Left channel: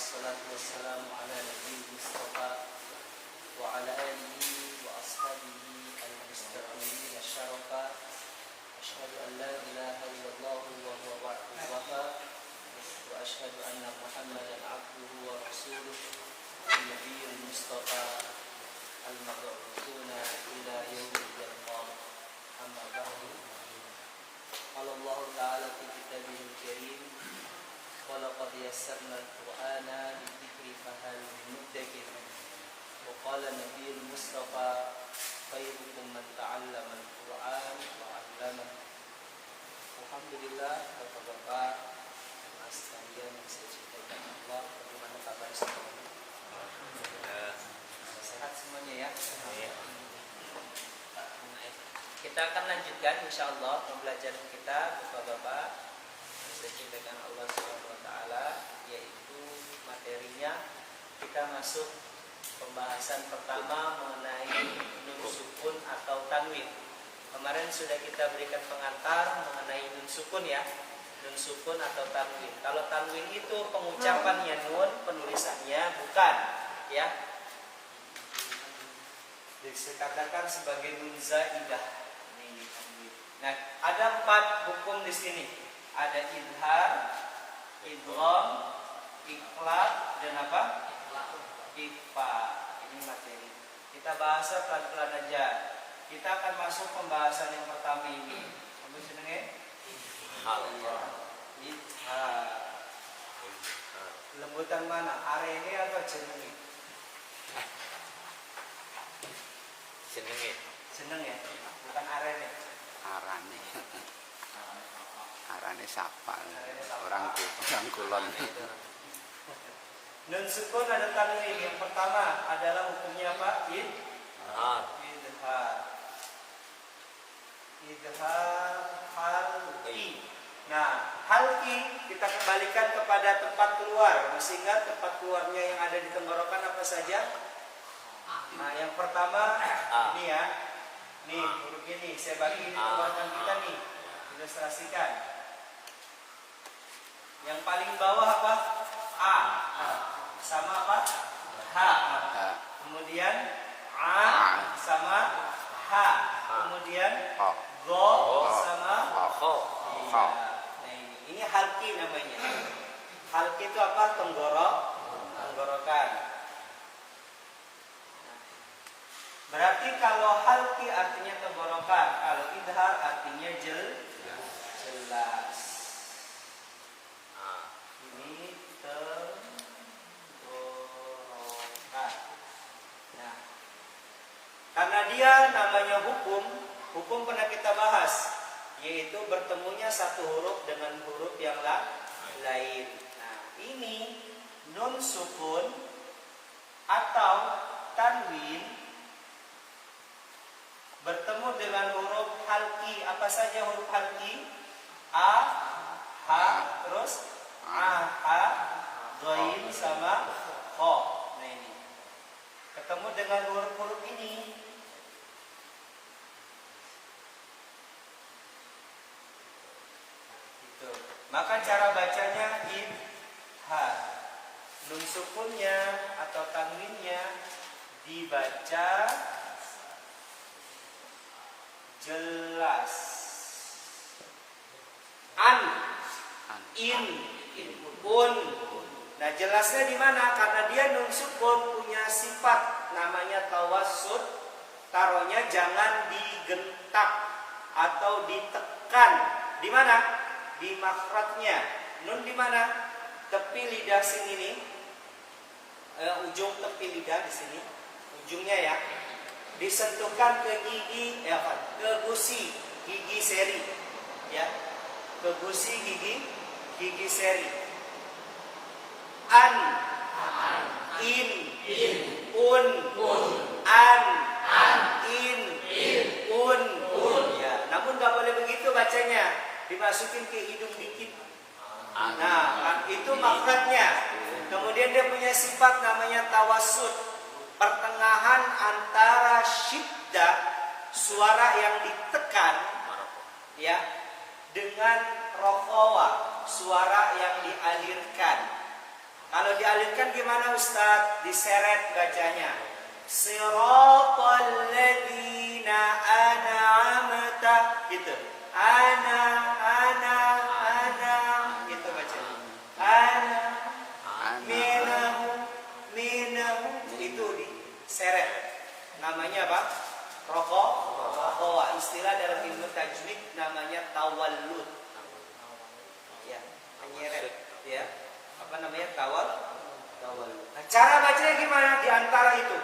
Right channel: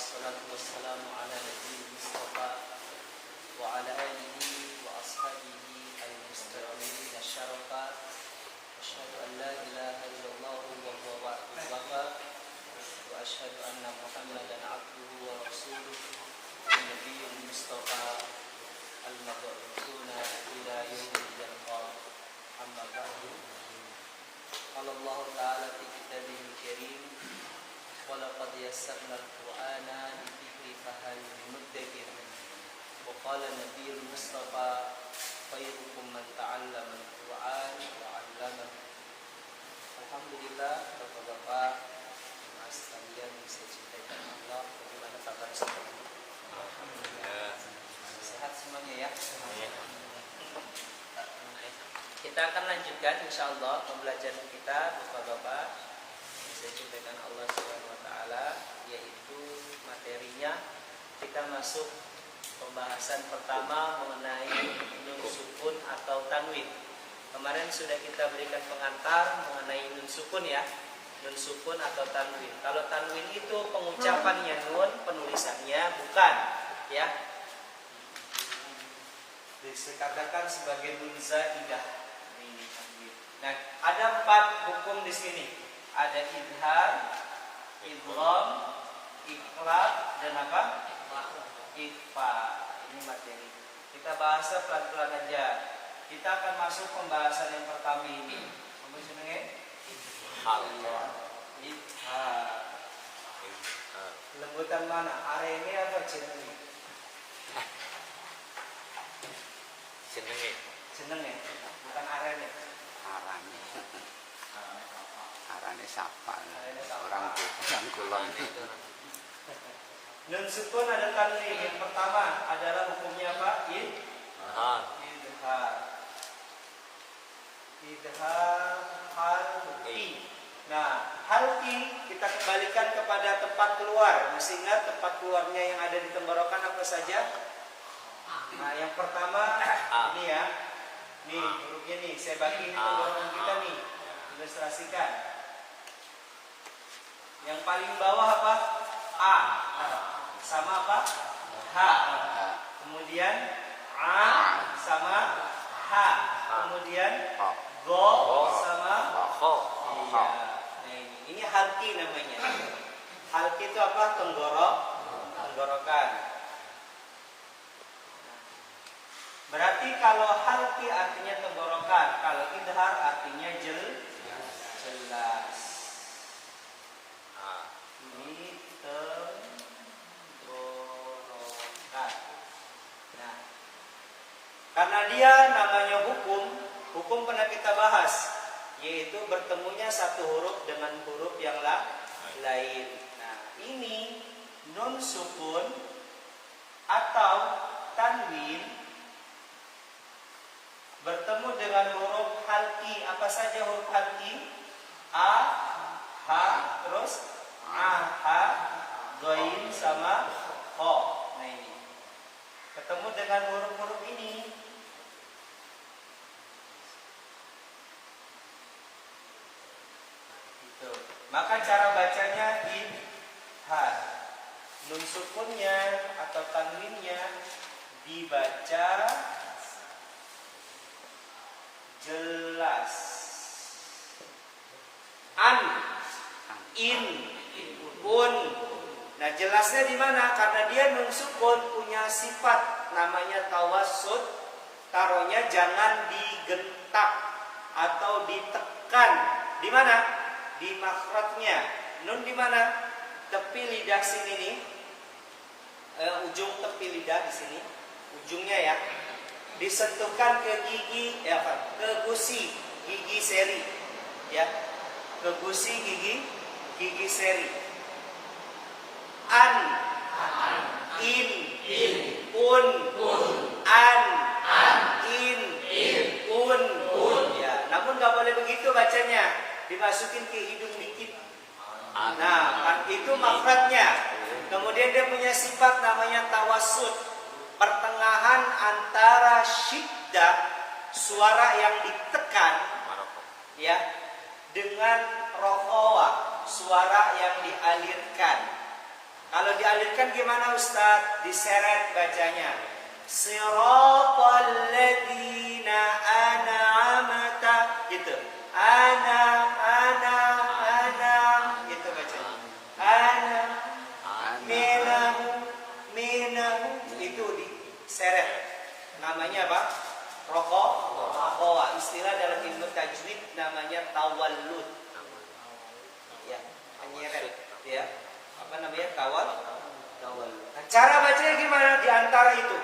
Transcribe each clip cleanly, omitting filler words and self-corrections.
wassalatu wassalamu ala nabiyil mustafa wa ala alihi wa ashabihi al-mustaqimina syarafa. Asyhadu an la ilaha illallah wa huwa wa'dul wafa wa asyhadu anna Muhammadan abduhu wa rasuluh nabiyul mustafa al-mab'utsuna ila yaumil qiyamah. Amma ba'du. Qala Allah ta'ala fi kitabihil karim wa laqad yassarna al-Qur'ana lidhikri fahal min muddakir. Wa qala nabiyul mustafa khairukum man ta'allama al-Qur'an wa 'allama. Alhamdulillah, Bapak-bapak, jemaah sekalian yang saya cintai Allah, bagaimana kabar semuanya? Sehat semuanya ya? Kita akan lanjutkan insyaallah pembelajaran kita Bapak-bapak yang saya cintakan Allah Subhanahu wa taala, yaitu materinya kita masuk pembahasan pertama mengenai nun sukun atau tanwin. Kemarin sudah kita berikan pengantar mengenai nun sukun ya. Nun sukun atau tanwin. Kalau tanwin itu pengucapannya nun, penulisannya bukan ya. Dikatakan sebagai nun zaidah. Nah, ada 4 hukum di sini. Ada idhar, idgham, iqlab, dan apa? Ikhfa. Ini materi. Kita bahas pelan-pelan aja. Kita akan masuk pembahasan yang pertama ini. Kamu senengnya? Idhar. Lembutan mana? Are ini apa jenenge? Jenenge. Bukan arene. Arane sapa. Orang kulon itu. Nun sukun ada tanwin. Yang pertama adalah hukumnya apa? Idhar halqi. Nah, halqi kita kembalikan kepada tempat keluar. Masih ingat tempat keluarnya yang ada di tenggorokan apa saja? Nah, yang pertama ini ya. Nih, hurufnya nih, saya bagi di tenggorokan kita nih. Ilustrasikan. Yang paling bawah apa? A. Sama apa? H. Kemudian A sama H. Kemudian Go sama Ho. Iya. Nah ini halqi namanya. Halqi itu apa? Tenggorokan. Berarti kalau halqi artinya tenggorokan, kalau idhar artinya jelas. Ini tenggorokan. Nah, karena dia namanya hukum pernah kita bahas, yaitu bertemunya satu huruf dengan huruf yang lain. Nah, ini nun sukun atau tanwin bertemu dengan huruf halqi. Apa saja huruf halqi? A, H, terus A, H, Ghain sama Ho. Nah ini ketemu dengan huruf-huruf ini. Gitu. Maka cara bacanya idhar. Nun sukunnya atau tanwinnya dibaca jelas. An, in, un. Nah, jelasnya di mana? Karena dia nun sukun punya sifat namanya tawassut. Taruhnya jangan digentak atau ditekan. Di mana? Di makhrajnya. Nun di mana? Tepi lidah sini nih. Ujung tepi lidah di sini. Ujungnya ya. Disentuhkan ke gigi, ke gusi gigi seri, ya, ke gusi gigi seri. An, in, un, an, in, un, ya. Namun nggak boleh begitu bacanya, dimasukin ke hidung dikit. Nah, kan itu makhrajnya. Kemudian dia punya sifat namanya tawassut, pertengahan antara syiddah, suara yang ditekan, ya, dengan rokhawah, suara yang dialirkan. Kalau dialirkan gimana Ustaz? Diseret bacanya. Siratal ladzina an'amta, gitu. Ana gitu bacanya. Ana minahum itu diseret. Namanya apa? Rokowa. Istilah dalam ilmu tajwid namanya tawallud. Ya, menyeret, ya. Apa namanya? Tawallud. Nah, cara bacanya gimana? Di antara itu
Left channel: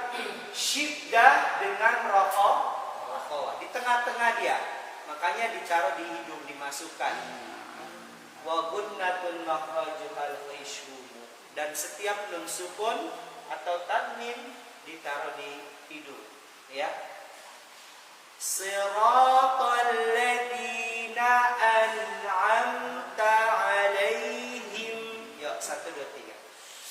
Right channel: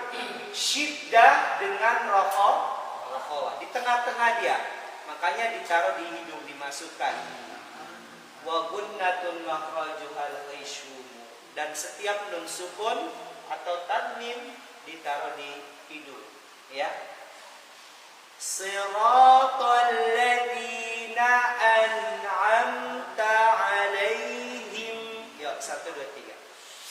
syiddah dengan rokowa. Di tengah-tengah dia. Makanya ditaruh di hidung, dimasukkan. Wa gunnatun makhrajuhal ghaishumu. Dan setiap nun sukun atau tanwin ditaruh di hidung, ya. Siratal ladzina an'amta 'alaihim. Yuk, 1 2 3.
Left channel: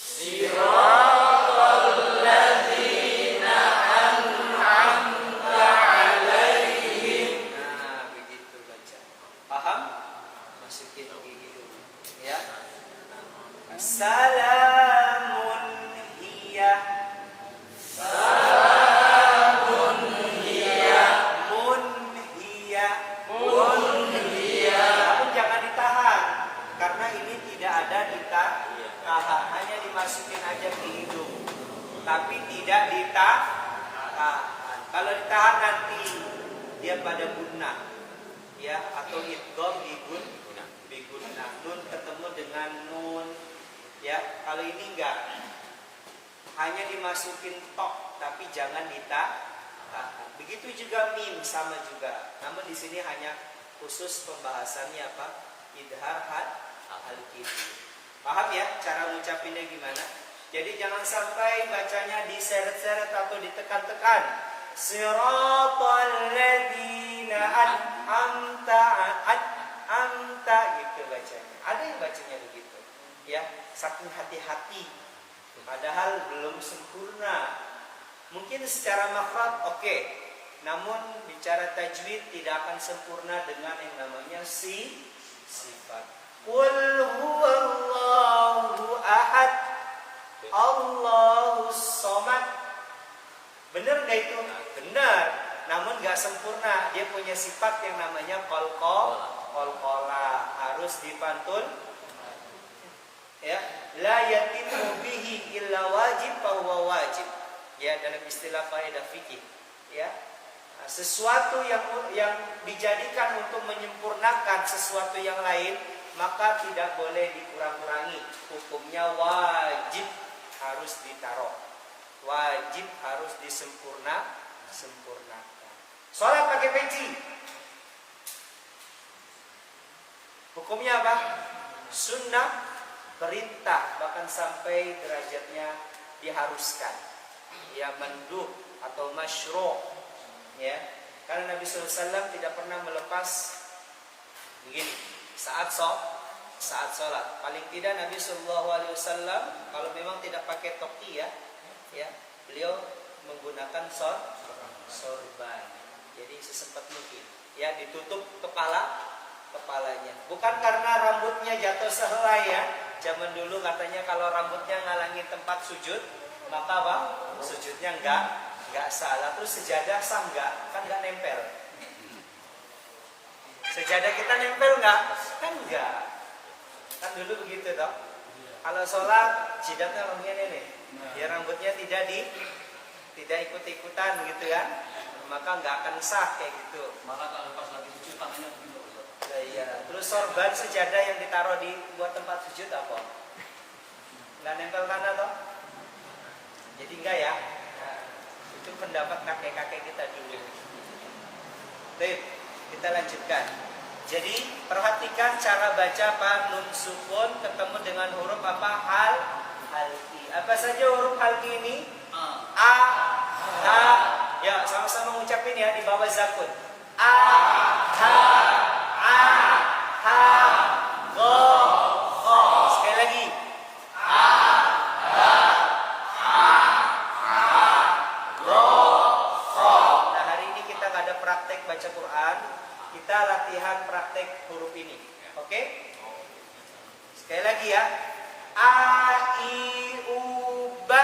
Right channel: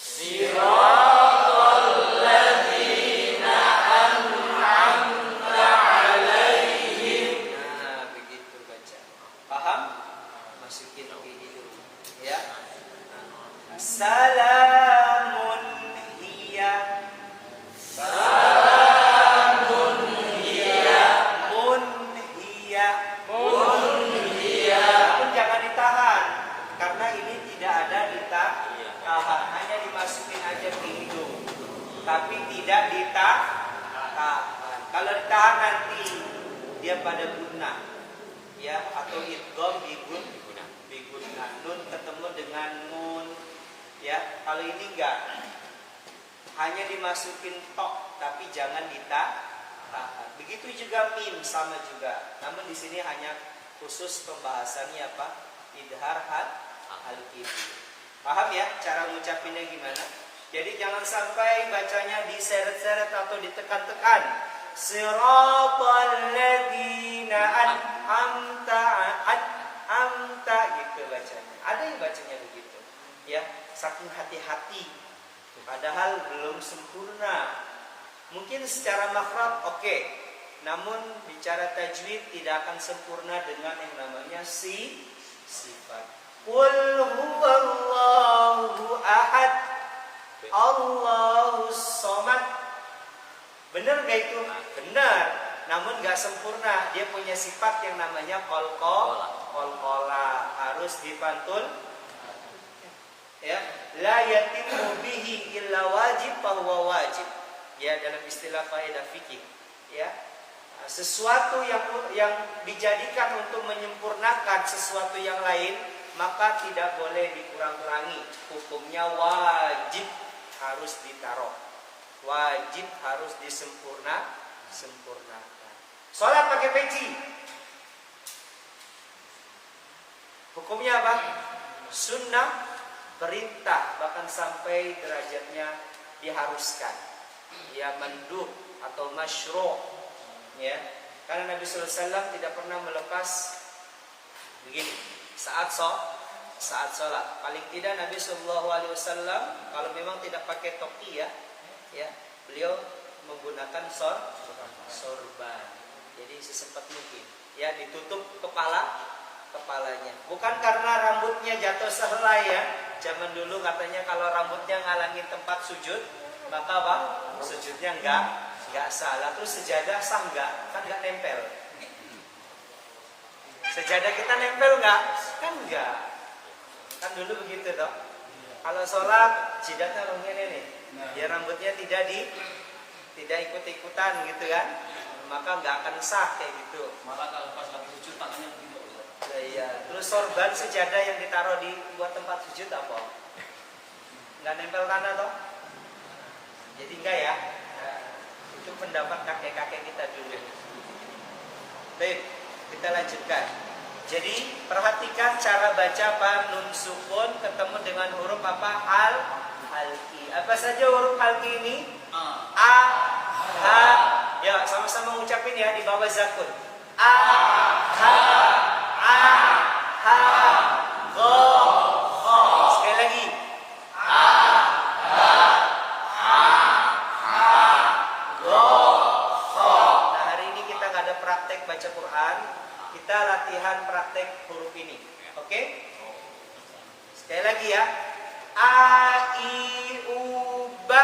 Siratal ladzina an'amta 'alaihim. Nah, begitu baca. Paham? Masukin ke hidung, ya. Salamun hiya. Namun jangan ditahan, karena ini tidak ada ditahan, hanya dimasukin aja ke hidung, tapi tidak ditahan. Kalau ditahan nanti dia pada gunnah, ya, atau idgham bigunnah, nun ketemu dengan nun, ya. Kalau ini enggak, hanya dimasukin tok, tapi jangan ditahan. Begitu juga mim, sama juga. Namun di sini hanya khusus pembahasannya apa? Idhar al-kibi. Paham ya cara ngucapinnya gimana? Jadi jangan sampai bacanya diseret-seret atau ditekan-tekan. Siratal ladzina an'amta gitu bacanya. Ada yang bacanya begitu, ya. Saking hati-hati, padahal belum sempurna. Mungkin secara makhraj oke, namun bicara tajwid tidak akan sempurna dengan yang namanya sifat. Qul huwallahu ahad, Allahus somad. Benar gak itu? Benar. Namun gak sempurna. Dia punya sifat yang namanya qalqala. Harus dipantul. Ya, la yatimu bihi illa wajib fahuwa wajib. Ya, dalam istilah faedah fikih, ya. Sesuatu yang dijadikan untuk menyempurnakan sesuatu yang lain, maka tidak boleh dikurang-kurangi. Hukumnya wajib harus ditaruh. Wajib harus sempurnakan. Sholat pakai peci. Hukumnya apa? Sunnah, perintah, bahkan sampai derajatnya diharuskan. Ya, manduh atau masyru', ya. Karena Nabi sallallahu alaihi wasallam tidak pernah melepas begini saat sholat. Paling tidak Nabi sallallahu alaihi wasallam kalau memang tidak pakai topi, ya, beliau menggunakan sorban. Jadi sesempat mungkin, ya, ditutup kepalanya. Bukan karena rambutnya jatuh sehelai, ya. Zaman dulu katanya kalau rambutnya ngalangin tempat sujud, maka apa? Sujudnya enggak salah. Terus sejadah sah enggak? Kan enggak nempel. Sejadah kita nempel enggak? Kan enggak. Kan dulu begitu toh. Kalau sholat jidatnya begini nih. Ya, rambutnya tidak ikut-ikutan gitu kan. Maka enggak akan sah kayak gitu. Malah kalau pas lagi sujud tangannya begini. Iya. Terus sorban sejadah yang ditaruh di buat tempat sujud apa? Enggak nempel tanah toh? Jadi enggak, ya. Itu pendapat kakek-kakek kita dulu. Baik, kita lanjutkan. Jadi perhatikan cara baca apa? Nun sukun ketemu dengan huruf apa? Halki. Apa saja huruf halki ini? A, ha. Ya, sama-sama ngucapin ya di bawah zakun. A, ha, a, ha, go, ho. Sekali lagi. Praktek baca Quran, kita latihan praktek huruf ini. Oke? Sekali lagi ya. A I U ba.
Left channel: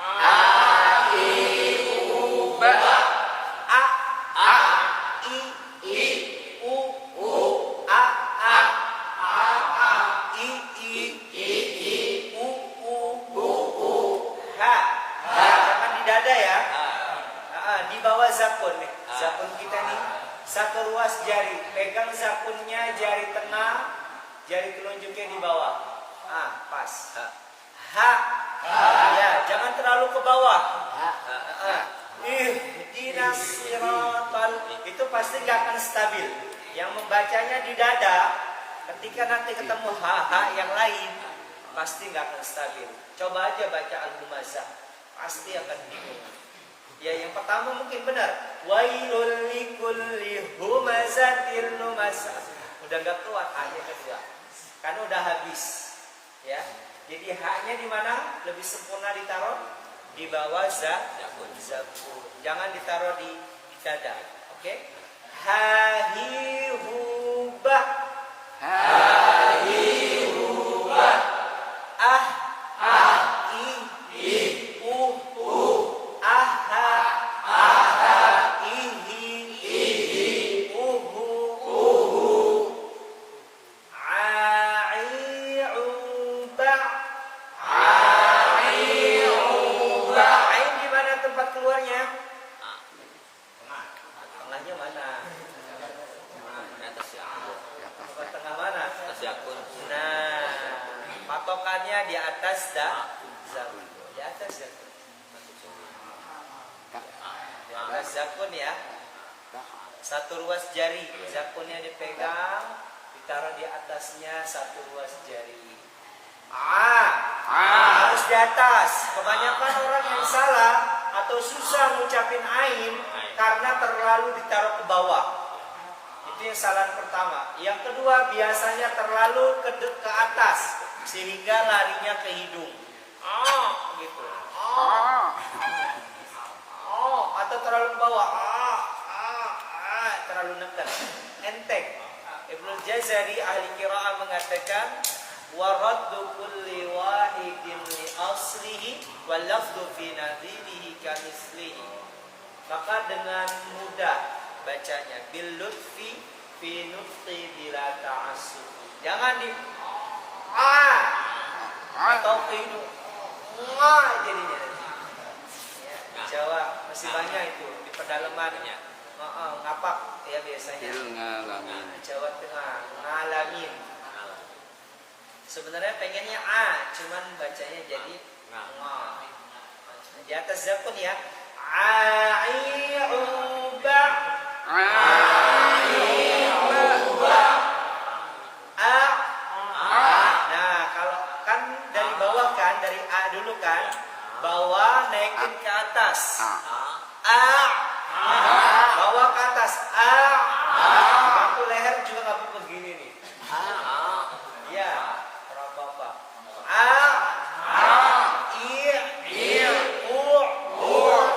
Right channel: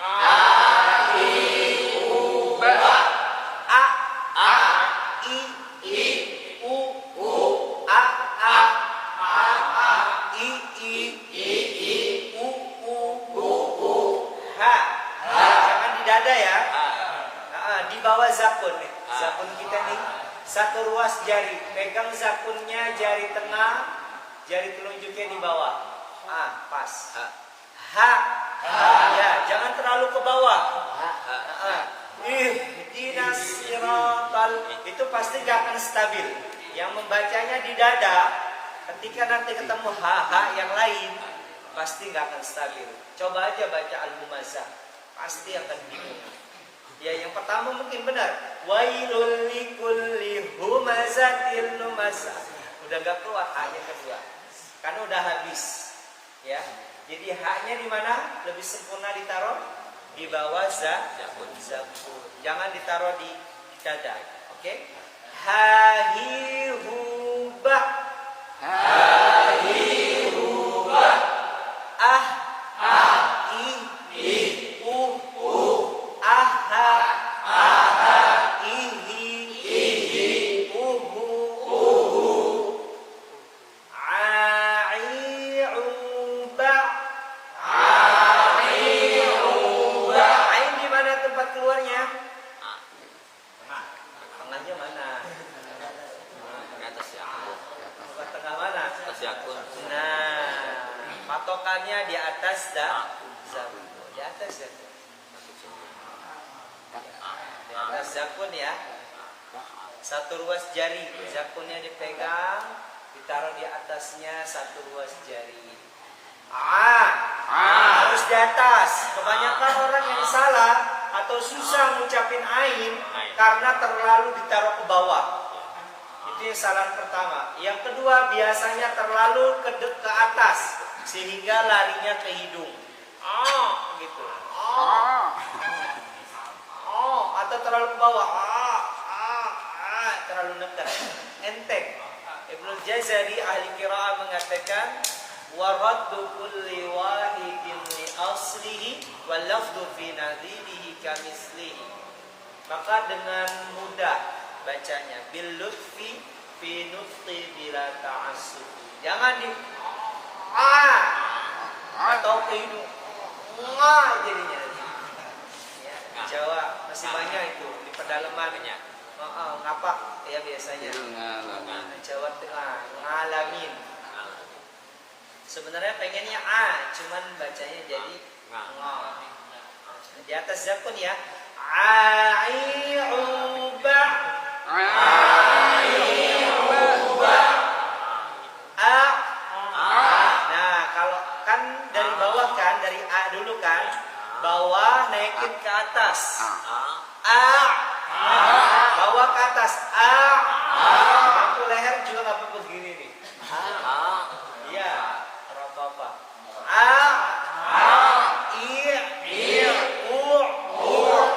A I U A I U ha. Jangan di dada ya. Di bawah zakun nih. Zakun kita nih satu ruas jari. Pegang zakunnya jari tengah, jari telunjuknya di bawah. Pas. Ha. Ya, jangan terlalu ke bawah. Ihdinas siratal, itu pasti gak akan stabil. Yang membacanya di dada, ketika nanti ketemu ha yang lain, pasti gak akan stabil. Coba aja baca Al-Humazah, pasti akan bingung. Ya, yang pertama mungkin benar. Wailul likulli humazatil lumazah. Udah gak keluar ha-nya kedua. Karena udah habis. Ya. Jadi ha-nya di mana? Lebih sempurna ditaruh di bawah zakun. Jangan ditaruh di dada. Oke? Ha-hi hu-ba. Ha-hi hu-ba. I-u. Aha. Ihi. Uhu. A-i-u-ba. Ain di mana tempat keluarnya? Tengahnya mana? Tempat tengah mana? Nah, patokannya di atas zakun. Di atas zakun. Di atas zakun ya. Satu ruas jari, zakunnya dipegang, ditaruh di atasnya satu ruas jari. Harus di atas. Kebanyakan orang yang salah atau susah ngucapin ain karena terlalu ditaruh ke bawah. Itu yang salah pertama. Yang kedua, biasanya terlalu ke atas sehingga larinya ke hidung. Gitu. Atau terlalu ke bawah. Terlalu neken. Enteng. Ibnul Jazari ahli qiraah mengatakan waraddu kulli wahidin li aslihi wal lafdhu fi nadhirihi kamislihi. Maka dengan mudah bacanya bil lutfi fi nutqi bila ta'assub. Jangan di atau ke hidung jadinya nanti. Ya, di Jawa masih banyak itu di pedalaman ngapak ya biasanya. Jawa Tengah ngalamin. Sebenarnya pengennya cuman bacanya jadi di atas zakun ya. Ai'uba. Nah, kalau kan dari bawah kan, dari A dulu kan, bawah naikin ke atas. Bawah ke atas. Bangku leher juga nggak apa-apa begini nih. Iya, apa-apa.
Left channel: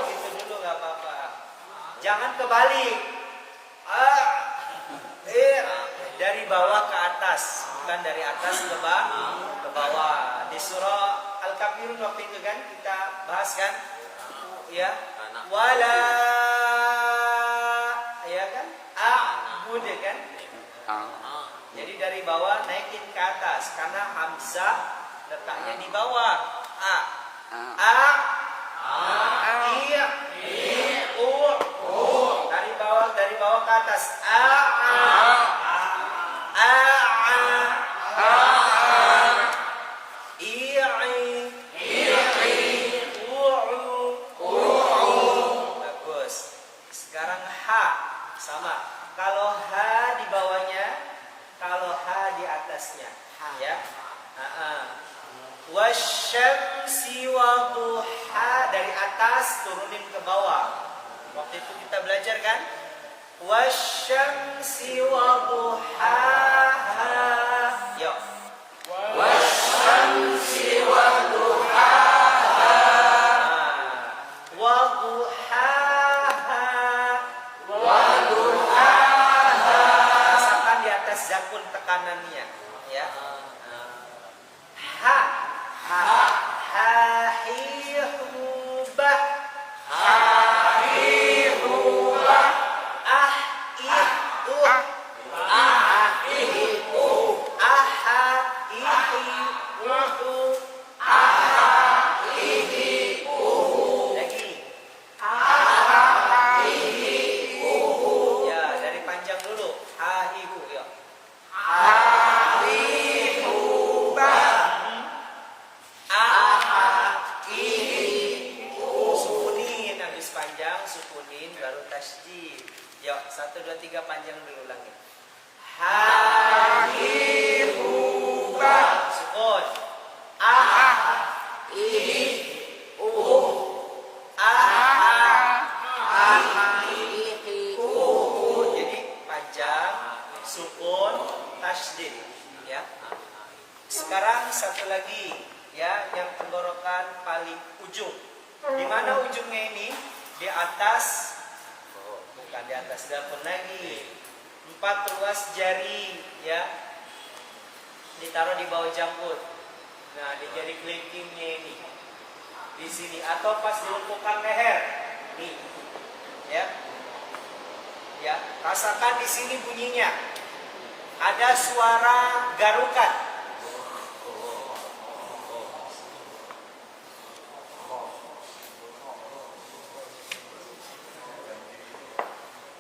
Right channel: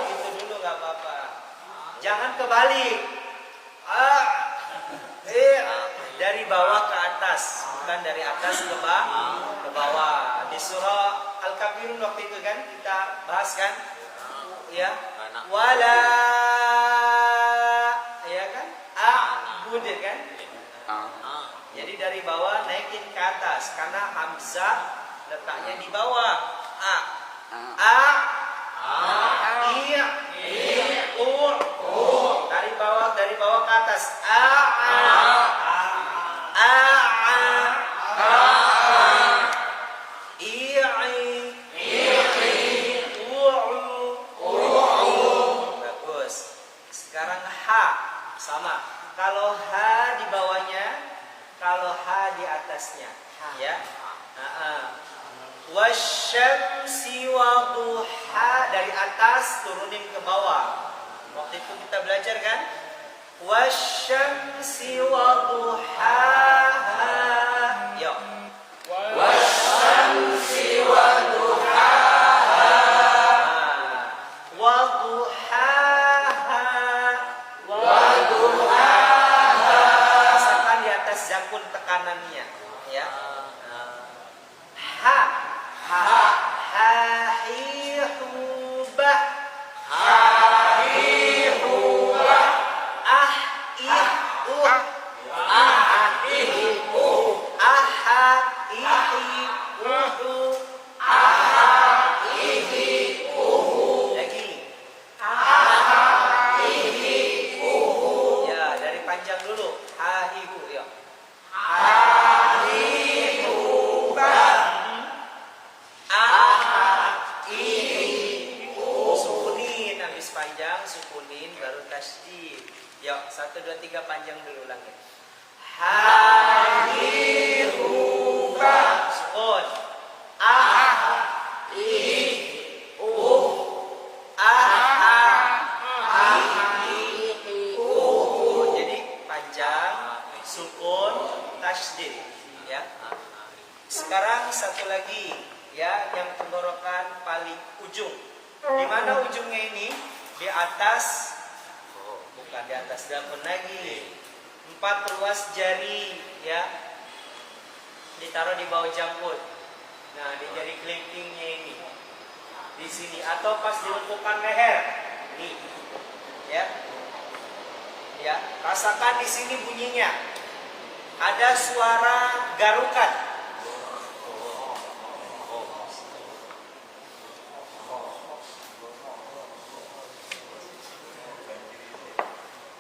Gitu dulu nggak apa-apa. Jangan kebalik. Dari bawah ke atas, bukan dari atas ke bawah. Di surah Al-Kafirun waktu itu kan kita bahas kan, ya. Wala, ya kan? A'bud kan? Jadi dari bawah naikin ke atas karena hamzah letaknya di bawah. Dari bawah ke atas. Bagus. Sekarang ha sama. Kalau ha di bawahnya, kalau ha di atasnya, ya. Wasyamsi waduha, dari atas turunin ke bawah. Waktu itu kita belajar kan? Wasyamsi waduhaha. Yuk. Wasyamsi waduhaha. Waduhaha. Rasakan di atas zakun tekanannya, ya. Ha sukunin baru tasydid. Yuk, 1 2 3 panjang dulu ulangi. Hadiruba sukun. Jadi panjang sukun tasydid ya. Sekarang satu lagi ya, yang tenggorokan paling ujung. Di mana ujungnya ini? Di atas, bukan di atas daun lagi. 4 ruas jari ya. Ditaruh di bawah janggut. Nah, di jari kelingkingnya ini. Di sini atau pas di lengkukan leher. Nih. Ya. Ya, rasakan di sini bunyinya. Ada suara garukan.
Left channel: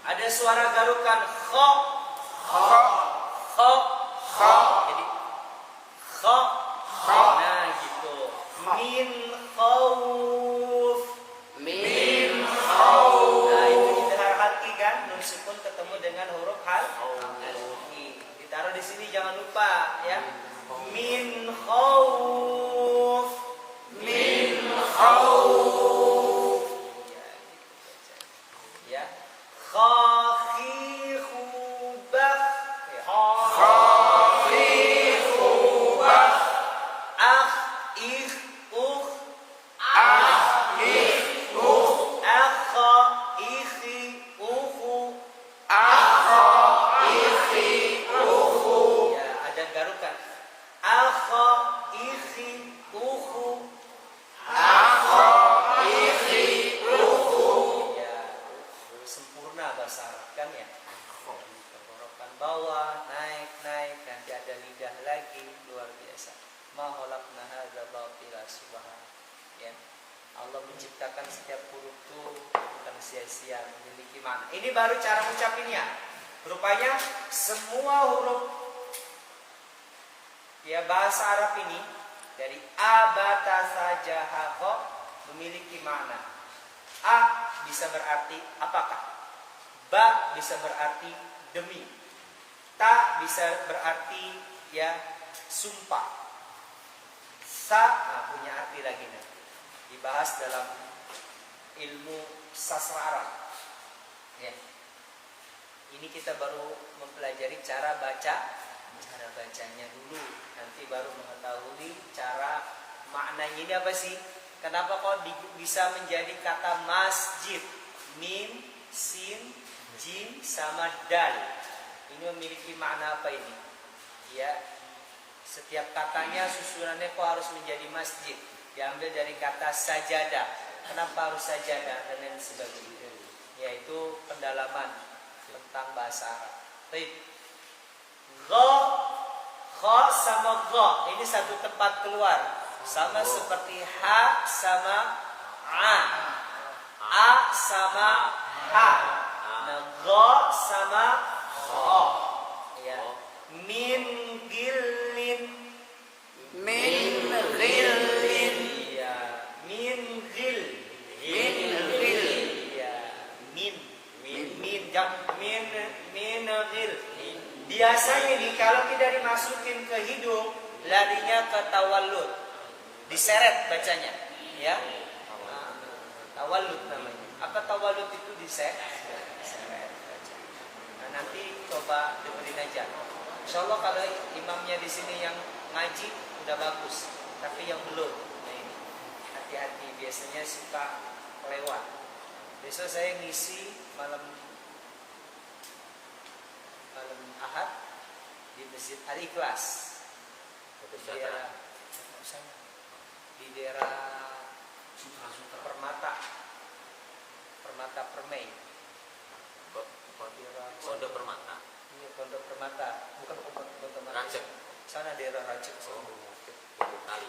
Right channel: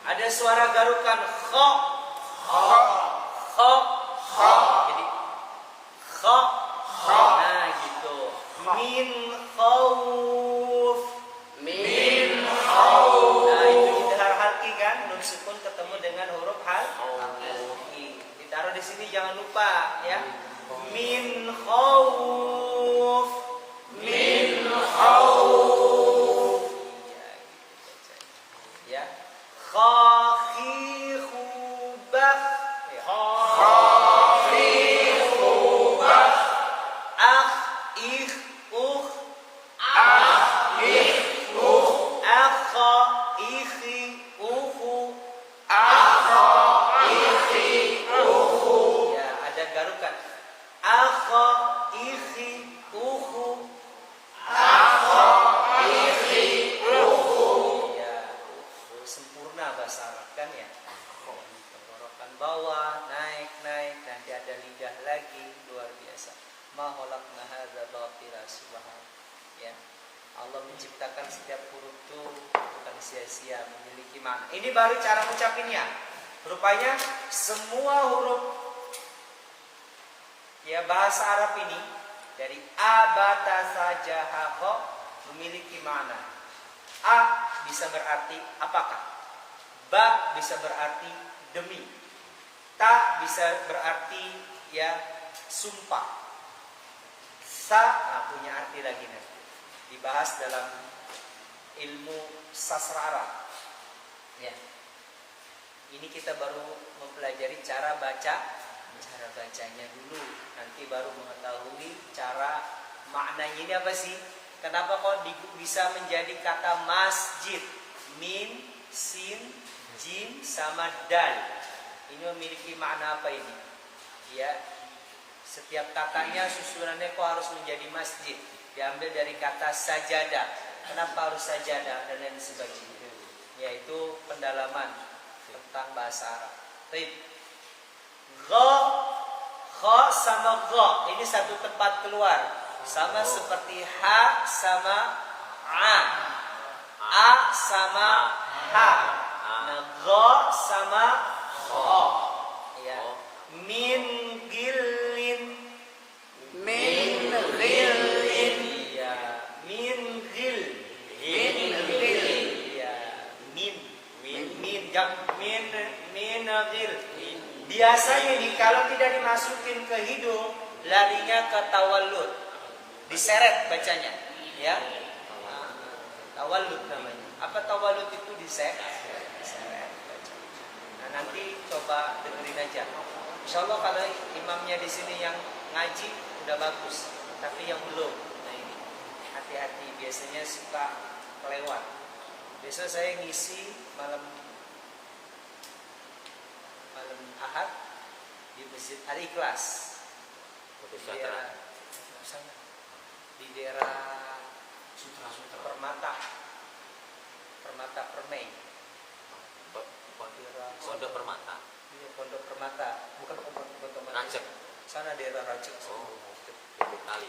Ada suara garukan kho, kho. Jadi kho. Nah, gitu. Min khauf. Nah, itu idhar halqi kan, nun sukun ketemu dengan huruf halqi. Ditaruh di sini jangan lupa ya. Min khauf. Ya, gitu baca. Ya. Khakhihubah ya. Akh ikh ukh akha ikhi ukhu ya, ada garukan akha ikhi ukhu ya, sempurna bahasa Arab kan ya. Tenggorokan bawah naik nanti ada lidah lagi, luar biasa. Ma khalaqna hadza batila subhan ya. Allah menciptakan setiap huruf itu bukan sia-sia, memiliki makna. Ini baru cara ucapinnya. Rupanya semua huruf ya bahasa Arab ini dari a, ba, ta, sa, ja, ha, kha memiliki makna. A bisa berarti apakah? Ba bisa berarti demi. Ta bisa berarti ya sumpah. Sa punya arti lagi nanti. Dibahas dalam ilmu sastra Arab. Ya. Ini kita baru mempelajari cara bacanya dulu. Nanti baru mengetahui cara maknanya ini apa sih? Kenapa kok bisa menjadi kata masjid? Mim, sin, jim sama dal. Ini memiliki makna apa ini? Ya. Setiap katanya susunannya kok harus menjadi masjid. Diambil dari kata sajadah. Kenapa harus sajadah dan lain sebagainya. Yaitu pendalaman tentang bahasa Arab. Baik. Kha sama gha ini satu tempat keluar. Sama seperti ha sama a. A sama ha. Nah, gha sama o. Ya. Min gillin. Minagil. Biasanya nih kalau tidak dimasukin ke hidung, larinya ke tawallud. Diseret bacanya, ya. Tawallud namanya. Apa tawallud itu diseret? Diseret bacanya. Nah, nanti coba dengerin aja. Insyaallah kalau imamnya di sini yang ngaji udah bagus, tapi yang belum, nah ini hati-hati, biasanya suka kelewat. Besok saya ngisi malam Ahad di Masjid Al-Ikhlas di daerah sana, di daerah Permata Permai. Pondok Permata. Iya, Pondok Permata, bukan Pondok Permata. Sana daerah Racik. Kali.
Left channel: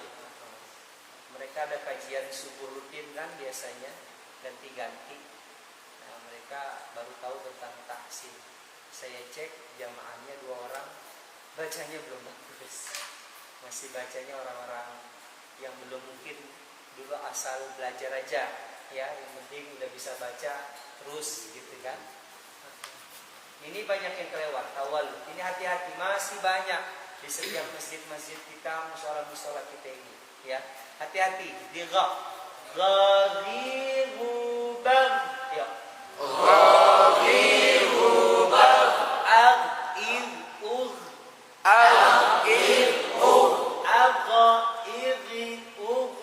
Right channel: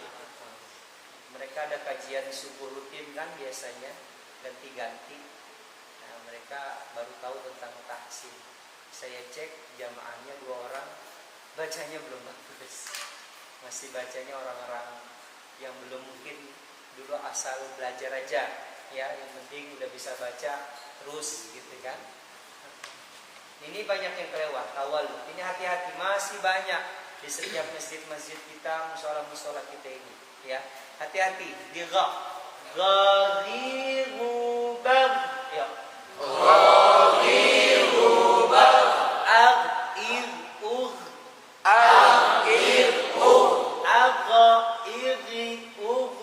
Mereka ada kajian subuh rutin kan biasanya, ganti-ganti. Nah, mereka baru tahu tentang tahsin. Saya cek jamaahnya 2 orang, bacanya belum bagus. Masih bacanya orang-orang yang belum mungkin dulu asal belajar aja. ya, yang penting udah bisa baca terus gitu kan. Ini banyak yang kelewat tawallud. Ini hati-hati, masih banyak di setiap masjid-masjid kita, musola-musola kita ini, ya. Hati-hati di gha. Gharibu bag. Ya. Gharibu bag. Ag-id ugh. Ag-id ugh. Agha-id ugh.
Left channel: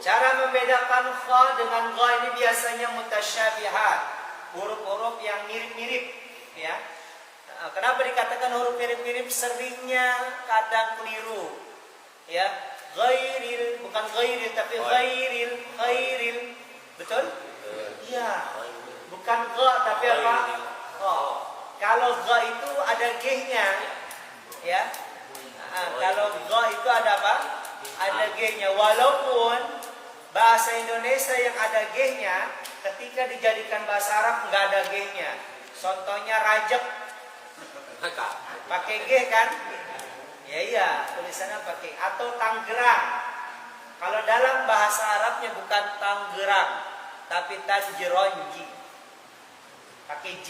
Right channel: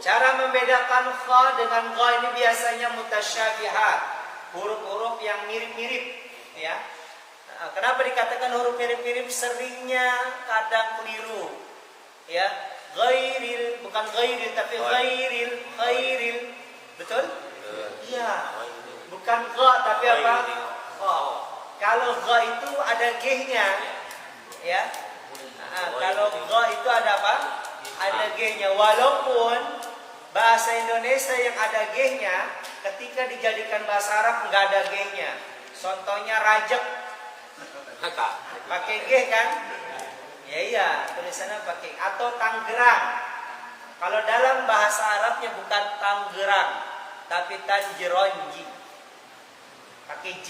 Cara membedakan kha dengan gha ini biasanya mutasyabihat, huruf-huruf yang mirip-mirip, ya. Kenapa dikatakan huruf mirip-mirip? Seringnya kadang keliru, ya. Ghairil, bukan ghairil tapi ghairil, betul? Iya. Bukan gha tapi apa? Gha. Kalau gha itu ada g-nya, ya. Kalau gha itu ada apa? Ada g-nya, walaupun bahasa Indonesia yang ada g-nya ketika dijadikan bahasa Arab nggak ada g-nya. Contohnya rajek, pakai g kan? Ya iya, tulisannya pakai. Atau Tangerang. Kalau dalam bahasa Arabnya bukan Tangerang, tapi Tanjeronji, pakai j.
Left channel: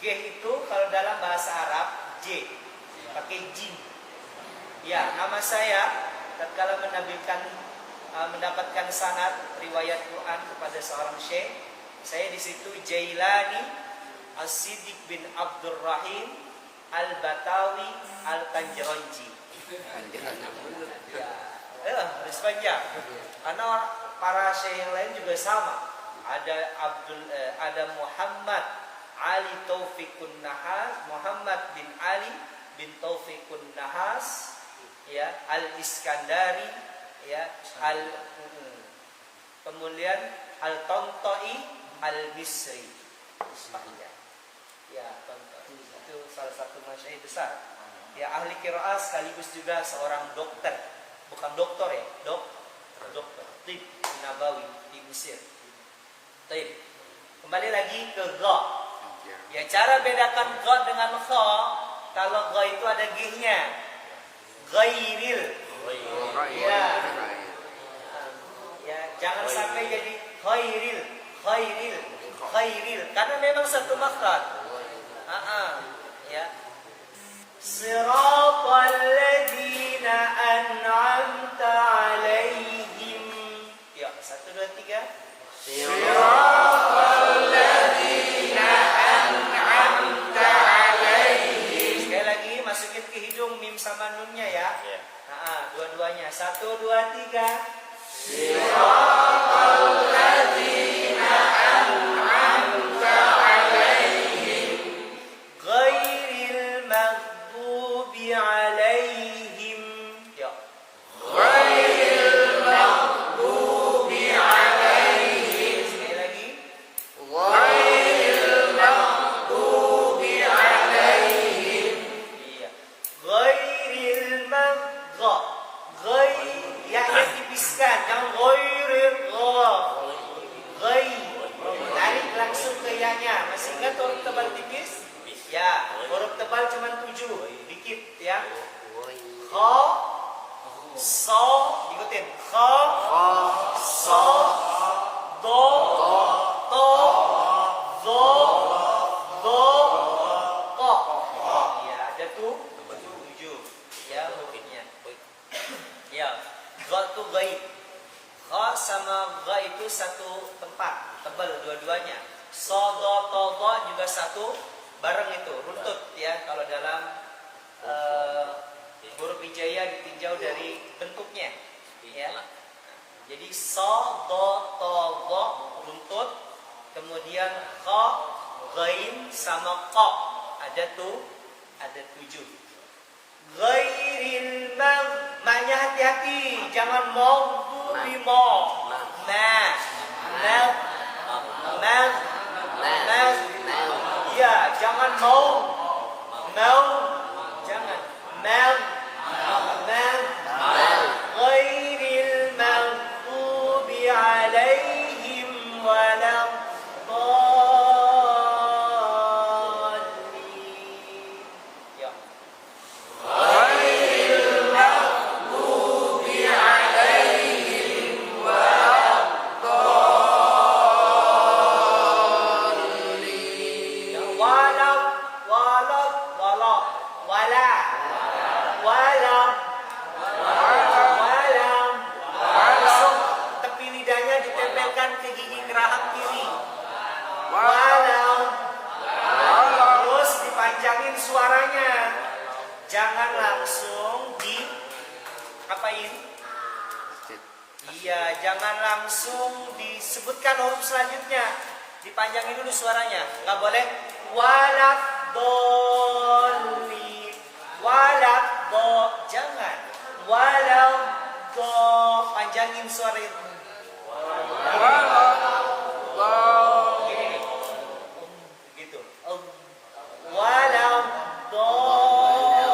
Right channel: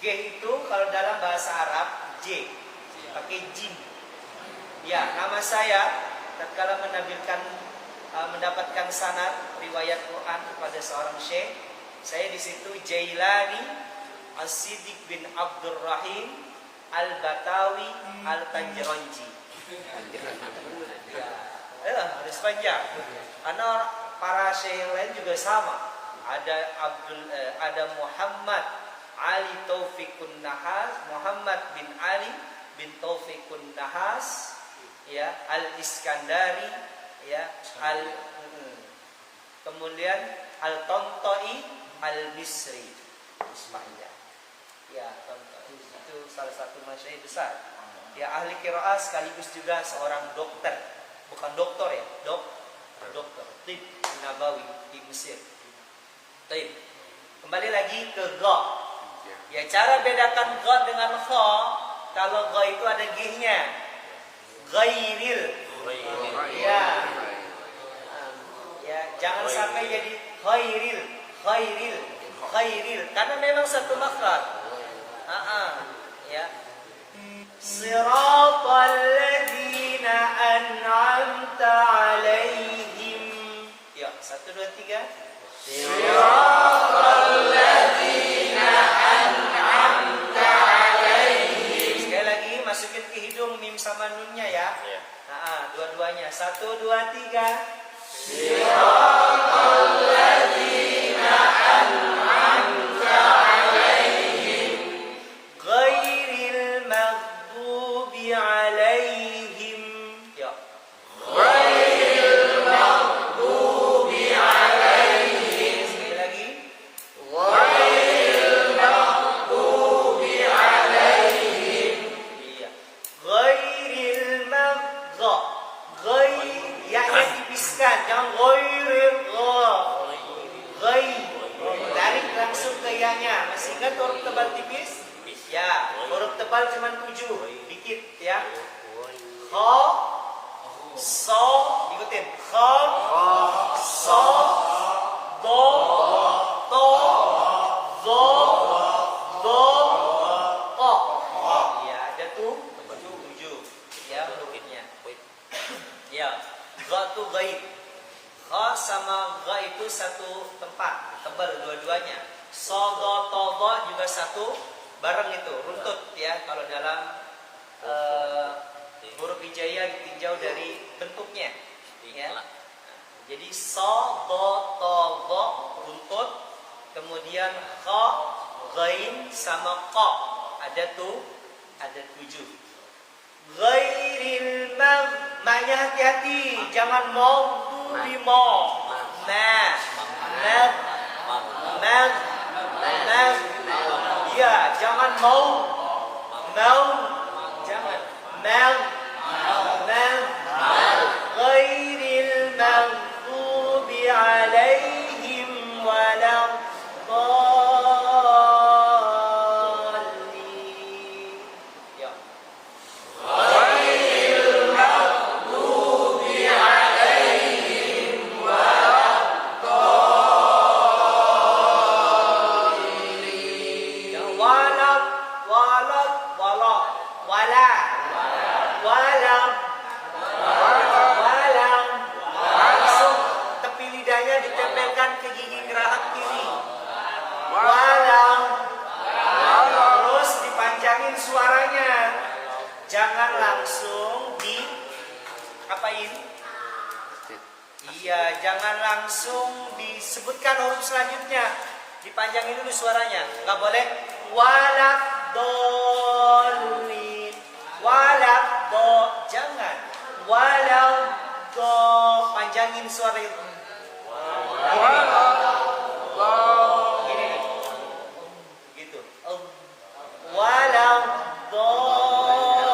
G itu kalau dalam bahasa Arab j, pakai jim. Ya, nama saya tatkala mendapatkan sanad riwayat Quran kepada seorang syekh, saya di situ Jailani As-Siddiq bin Abdurrahim Al-Batawi Al-Tanjeronji. Ya, harus panjang. Karena para syekh yang lain juga sama. Ada Muhammad Ali Taufikun Nahas, Muhammad bin Ali bin Taufikun Nahas, ya, Al-Iskandari, ya, kemudian Al-Tonto'i Al-Misri. Panjang. Ya, Tonto'i itu salah satu masyayikh besar. Ya, ahli qiraah sekaligus juga seorang dokter. Bukan doktor ya, dokter Tib Nabawi di Mesir. Tib. Kembali lagi ke gha. Ya, cara bedakan gha dengan kha, kalau gha itu ada g-nya. Ghairil. Ya. Ya, jangan sampai jadi khairil. Karena memang satu makhraj. Ya. Siratal ladzina an'amta 'alaihim. Ya, 1 2 3. Siratal ladzina an'amta 'alaihim. Sekali lagi masukin ke hidung mim sama nunnya ya. Dua-duanya. 1 2 3. Siratal ladzina an'amta 'alaihim ghairil maghdubi 'alaihim. Ya. Ghairil maghdubi 'alaihim. Sekali lagi. Ghairil maghdubi 'alaihim. Iya. Ghairil ya-nya tipiskan, jangan ghairil gha. Tarik langsung ke ya-nya. Masih ingat huruf tebal tipis? Ya, huruf tebal cuma 7, dikit ya. Kha, so, ikutin. Kha, so, do, to, zo, do, ko. Ya, ada tuh 7 ya hurufnya. Ya, gha itu gaib. Kha sama gha itu satu tempat, tebal dua-duanya. Sodo, todo juga satu, bareng itu, runtut ya. Kalau dalam huruf hijaiyah ditinjau dari bentuknya, ya. Jadi sodo, todo runtut, kemudian kha, ghain sama qa ada 7. Ghairil ma-nya hati-hati, jangan maghdubi ya, jangan jangan ghairil maghdubi 'alaihim waladdallin. Ya. Ghairil maghdubi 'alaihim langsung di apain? Iya, jangan langsung disebutkan huruf selanjutnya. Dipanjangin dulu suaranya. Nggak boleh walad dolin. Walad do, jangan. Walau do, panjangin suara itu. Gini nih. Gitu. Walau dolin.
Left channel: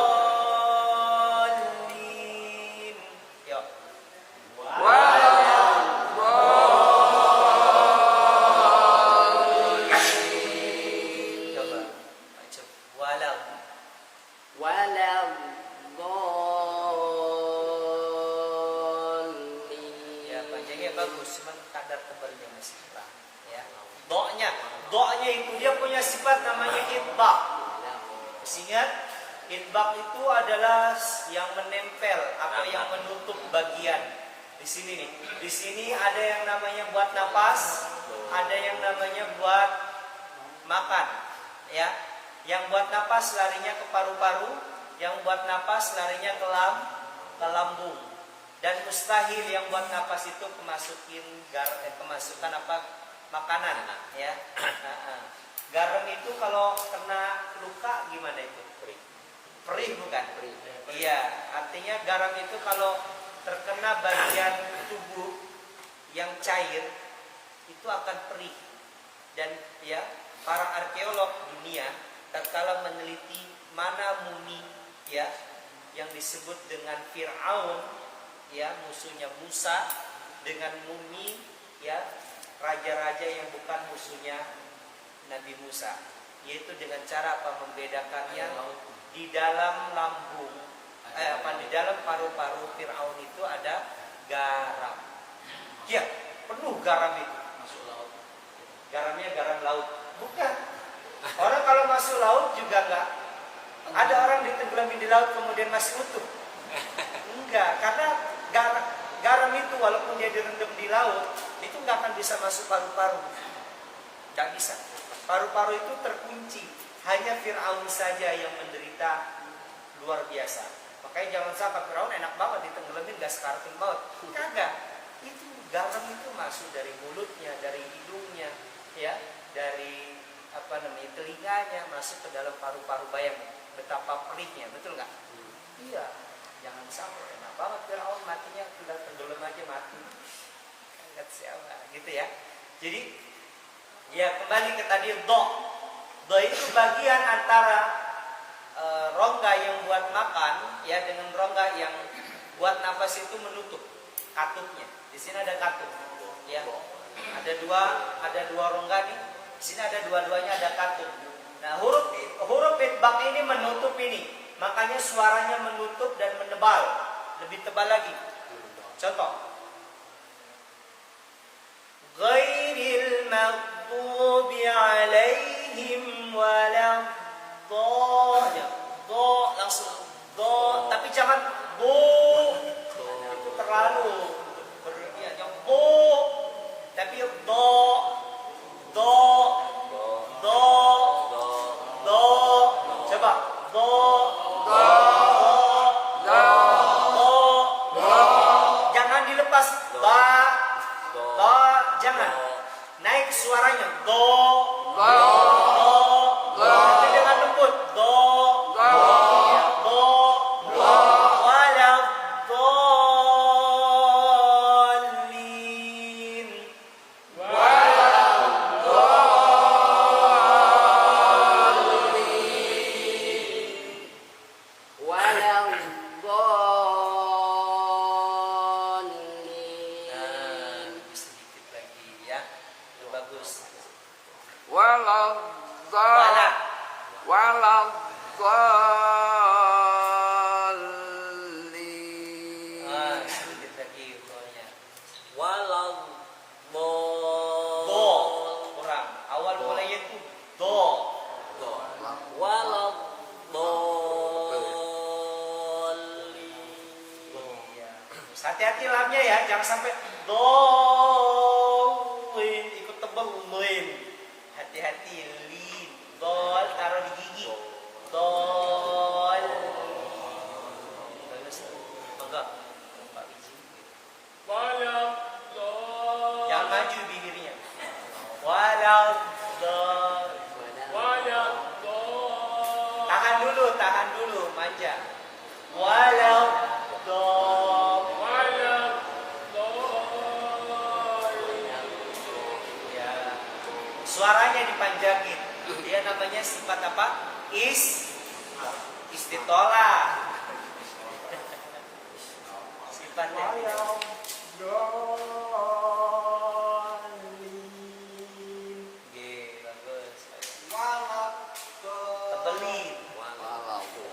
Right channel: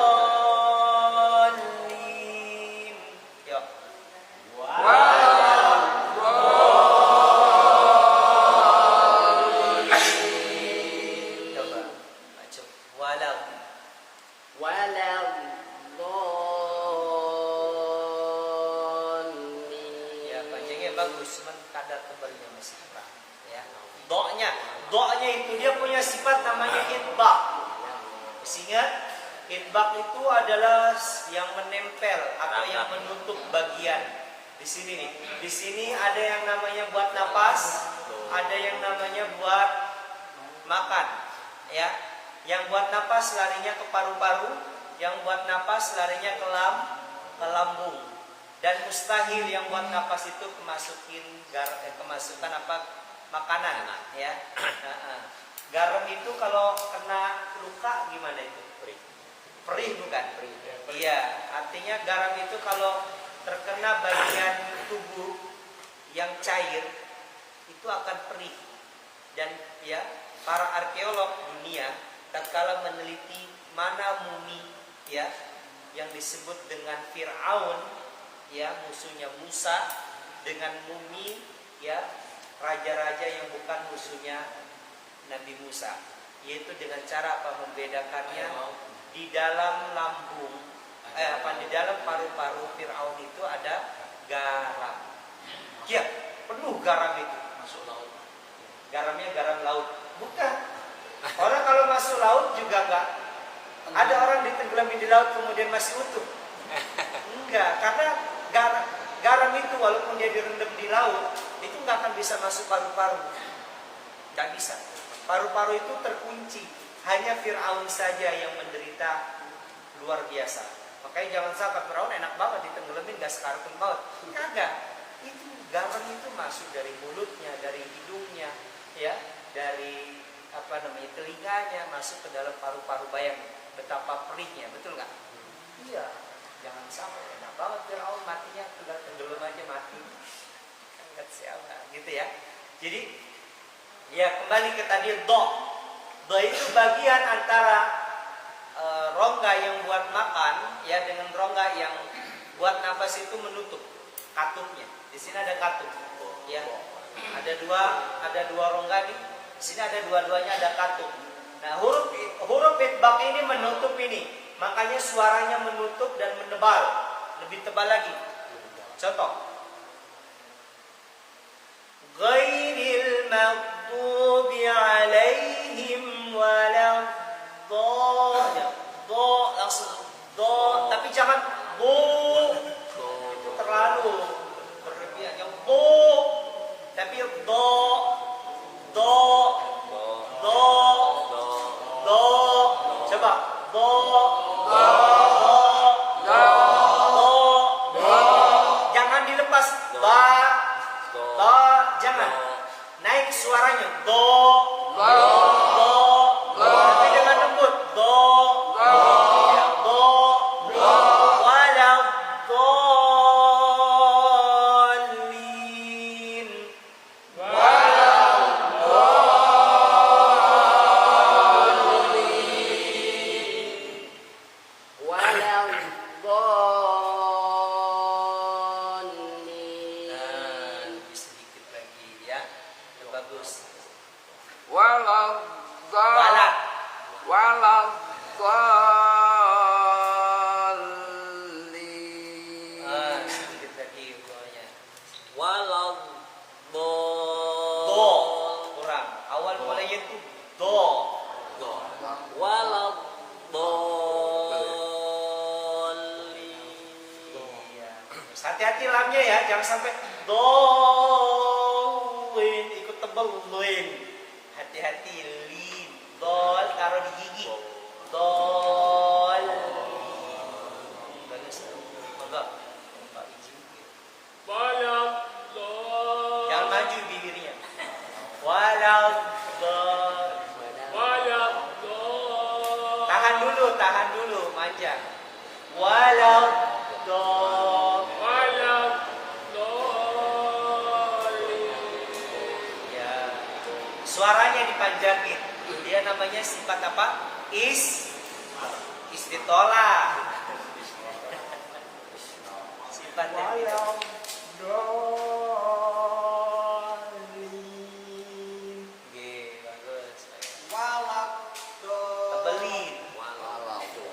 Yuk. Coba. Maju. Walau. Ya, panjangnya bagus, cuman kadar tebalnya masih kurang. Ya. Do'nya itu dia punya sifat namanya itbaq. Ingat, itbaq itu adalah yang menempel atau yang menutup bagian. Di sini nih. Di sini ada yang namanya buat napas, ada yang namanya buat makan, ya. Yang buat napas larinya ke paru-paru, yang buat napas larinya ke lambung. Dan mustahil yang buat napas itu kemasukan apa makanan, ya. Garam itu kalau kena luka gimana itu? Perih bukan? Iya, artinya garam itu kalau terkena bagian tubuh yang cair itu akan perih. Dan ya, para arkeolog dunia tatkala meneliti mana mumi ya yang disebut dengan Fir'aun ya, musuhnya Musa, dengan mumi ya raja-raja yang bukan musuhnya Nabi Musa, yaitu dengan cara apa membedakannya di dalam lambung di dalam paru-paru Fir'aun itu ada garam. Ya, penuh garam itu. Garamnya garam laut. Bukan. Orang kalau masuk laut juga enggak. Ada orang ditenggelamin di laut kemudian masih utuh. Enggak, karena garam itu walaupun dia direndam di laut, itu enggak akan bisa masuk paru-paru. Enggak bisa. Paru-paru itu terkunci. Hanya Fir'aun saja yang menderita luar biasa. Makanya jangan sangka Fir'aun enak banget ditenggelamin gas kartun maut. Kagak. Itu garam itu masuk dari mulutnya, dari hidungnya, ya, dari telinganya, masuk ke dalam paru-paru. Bayang betapa perihnya, betul nggak? Iya. Jangan sampai enak banget Fir'aun matinya sudah tenggelam aja mati. Ingat siapa, gitu ya. Jadi ya kembali ke tadi do. Do itu bagian antara rongga yang buat makan ya dengan rongga yang buat nafas itu menutup katupnya. Di sini ada katup, ya. Ada dua rongga nih. Di sini ada dua-duanya ada katup. Nah, huruf itbaq ini menutup ini. Makanya suaranya menutup dan menebal, lebih tebal lagi. Contoh. Ghairil maghdubi alaihim walad do langsung do, tapi jangan do, itu terlalu berlebihan. Yang tapi do coba do jangan dilepas jangan naik suaranya do tapi dengan lembut do ya do walau dolin nah lebih sedikit lagi ya, itu bagus. Walau Sedikit lagi do-nya. Walau Do kurang. Awal mulanya itu do. walau Iya. Hati-hati lamnya ya, jangan sampai dolin ikut tebel lin. Hati-hati lin. Dol taruh di gigi. Dol. tulis tuh. Monggo. Pak Iji. Walau Jangan maju bibirnya. Walau tahan dulu, manja. Walau ya, suaranya dipanjangin. Dia namanya sifat apa? Istitola. Sifatnya. Bagus. Tebelin.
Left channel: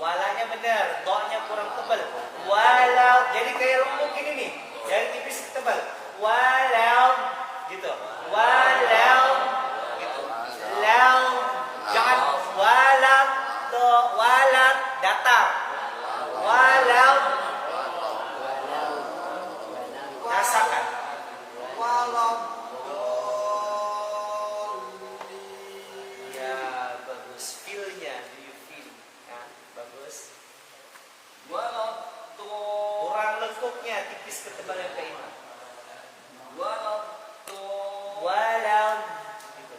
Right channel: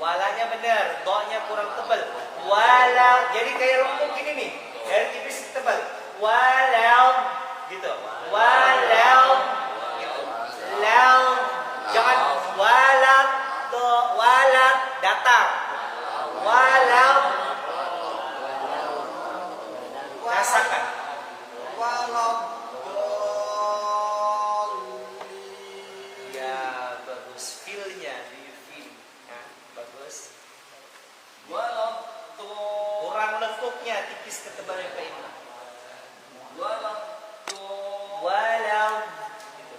Walanya benar, do-nya kurang tebal. Walau, jadi kayak lembut gini nih, dari tipis ke tebal. Walau, gitu. Walau, gitu. Lau, jangan walau, do, walau, datar. Walau, rasakan. Ya, bagus. Feel-nya, do you feel? Ya, bagus. Kurang lengkupnya, tipis ke tebal yang keimah. Walau, gitu.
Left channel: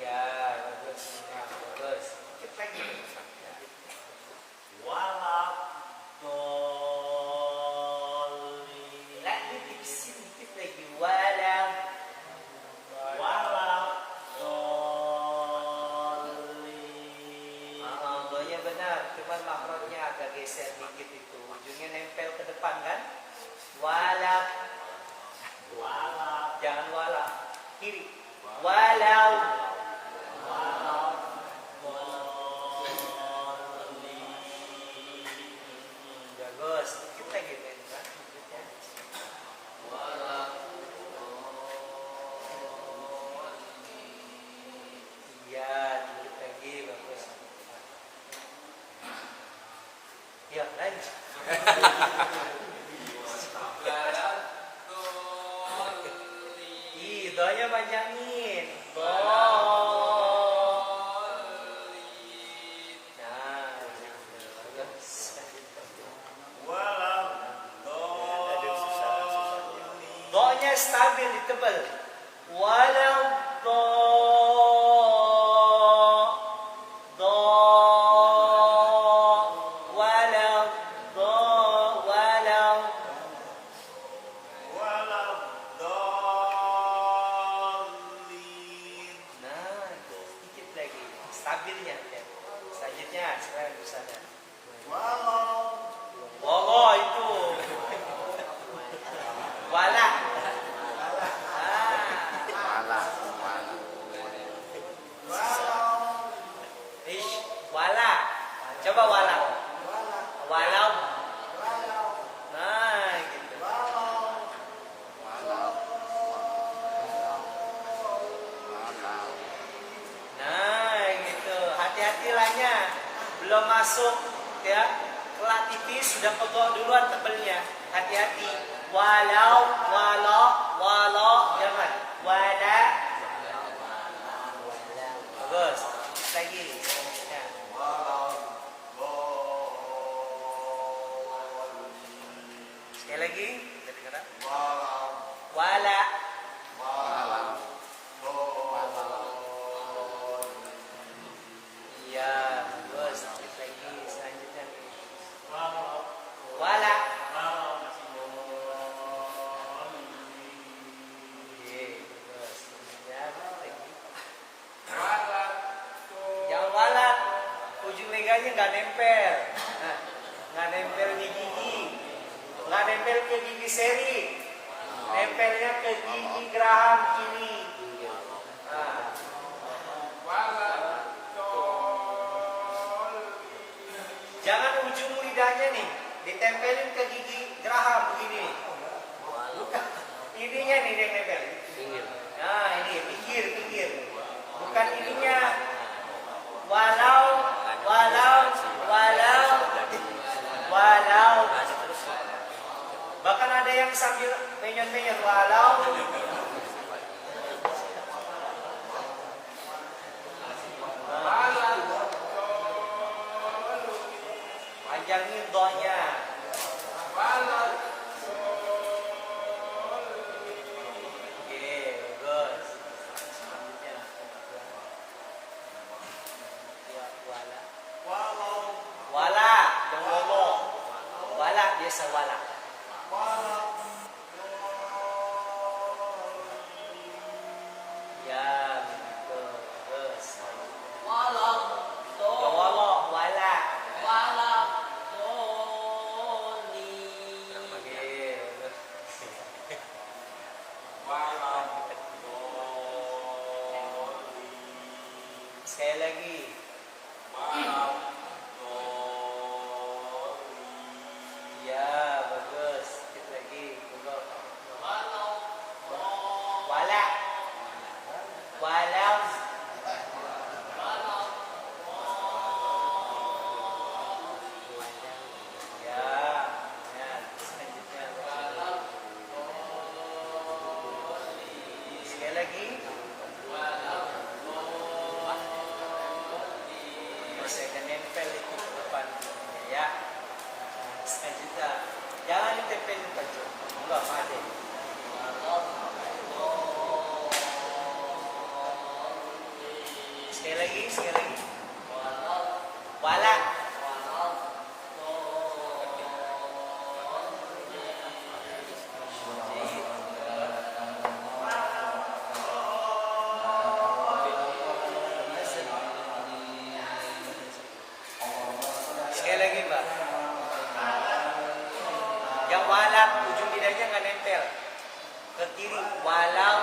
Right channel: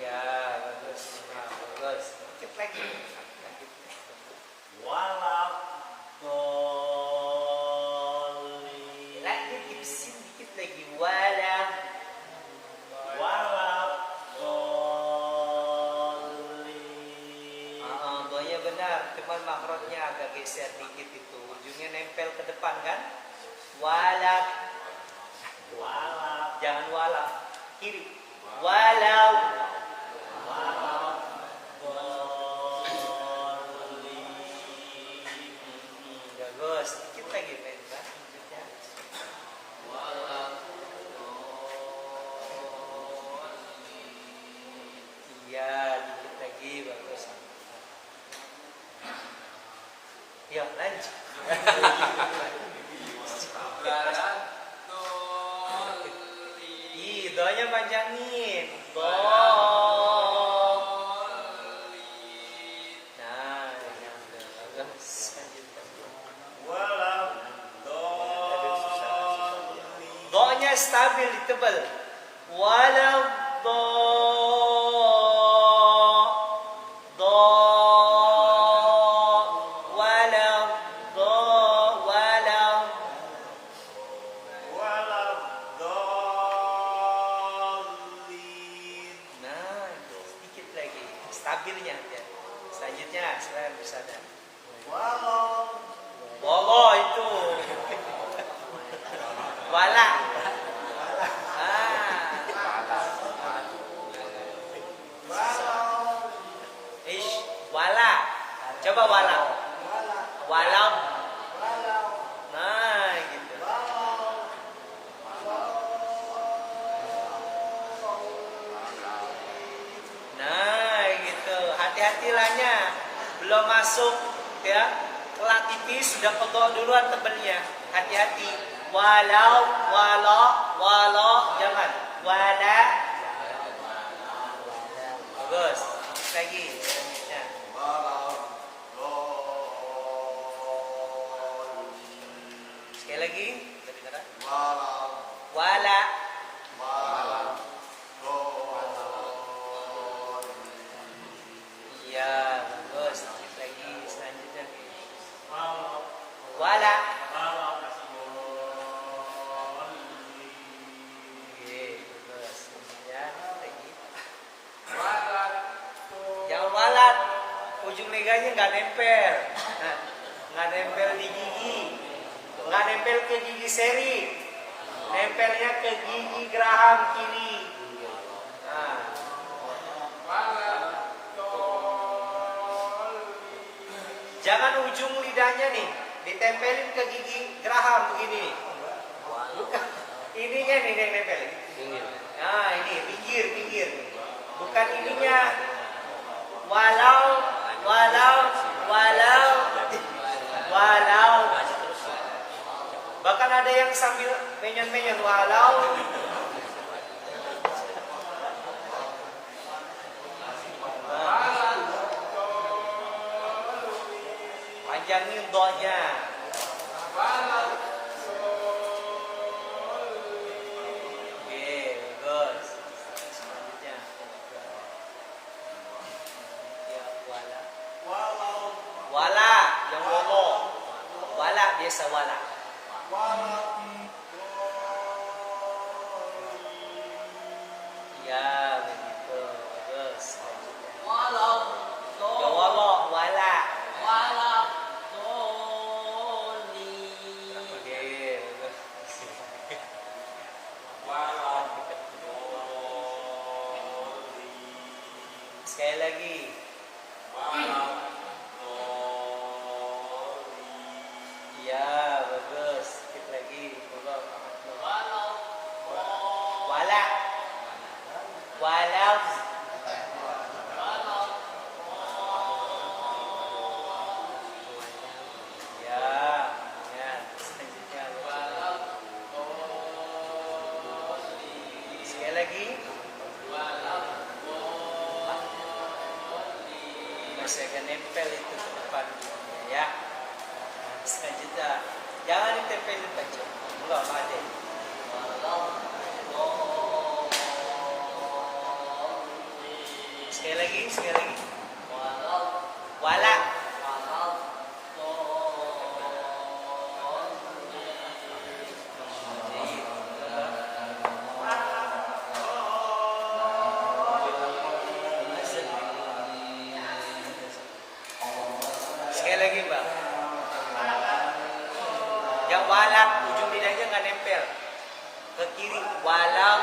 Ya, bagus. Nah, bagus. Dikit lagi. Lagi tipisin dikit lagi. Doanya benar, cuman makrotnya agak geser dikit itu. Ujungnya nempel ke depan kan? Walau. Jangan walau. Kiri. Walau. Bagus. Dikit lagi, Tenta. Iya, dikit lagi, bagus. Ya, lanjut. Doanya panjangin. Nah, bagus. Do-nya stabil ditebal. Walau do walau nah, sedikit lagi stabilnya ya. Selanjutnya sekarang di sana. Walau itu wala. Wala. Coba wala. Walau. Nah, gitu. Nah, gitu. Hati-hati lahnya. Belum masuk ya. Telah tipis sudah pegok duluan tebelnya. Hati-hati. Walau, jangan. Wala. Bagus. Lagi. Nah. Sekali lagi. Wala. Iya, bagus. Lagi selanjutnya. Wala. Yang walat ujung meganya nggak nempel, nggak nempel di gigi, nggak nempel ke gigi seri, nempelnya ke gigi geraham kiri. Nah. Jangan ujung lidahnya nih ditempelin ke gigi geraham begini. Bukan, ininya nih nempel. Nah ini pinggir, bukan ininya. Walau. Bahkan ada yang sambil menyon-menyon walau. biasa wala. Ya, begitu. Terus. Walau Ya, wala, wala. walau doli. Oke. Sekali lagi. Ya, bagus. Sedikit lagi. Walau Wala. Walau. walau Ya. Ya. Selanjutnya. walau Sekali lagi. walau Saya akan nempel itu ke depan. Ya. Selanjutnya. Jangan ditempelin baju. Enggak, ada. Sekali lagi, sekali lagi. Wala. Sekali lagi, Mbak. Yang walam ujung lidahnya nggak nempel ke kiri. Walam.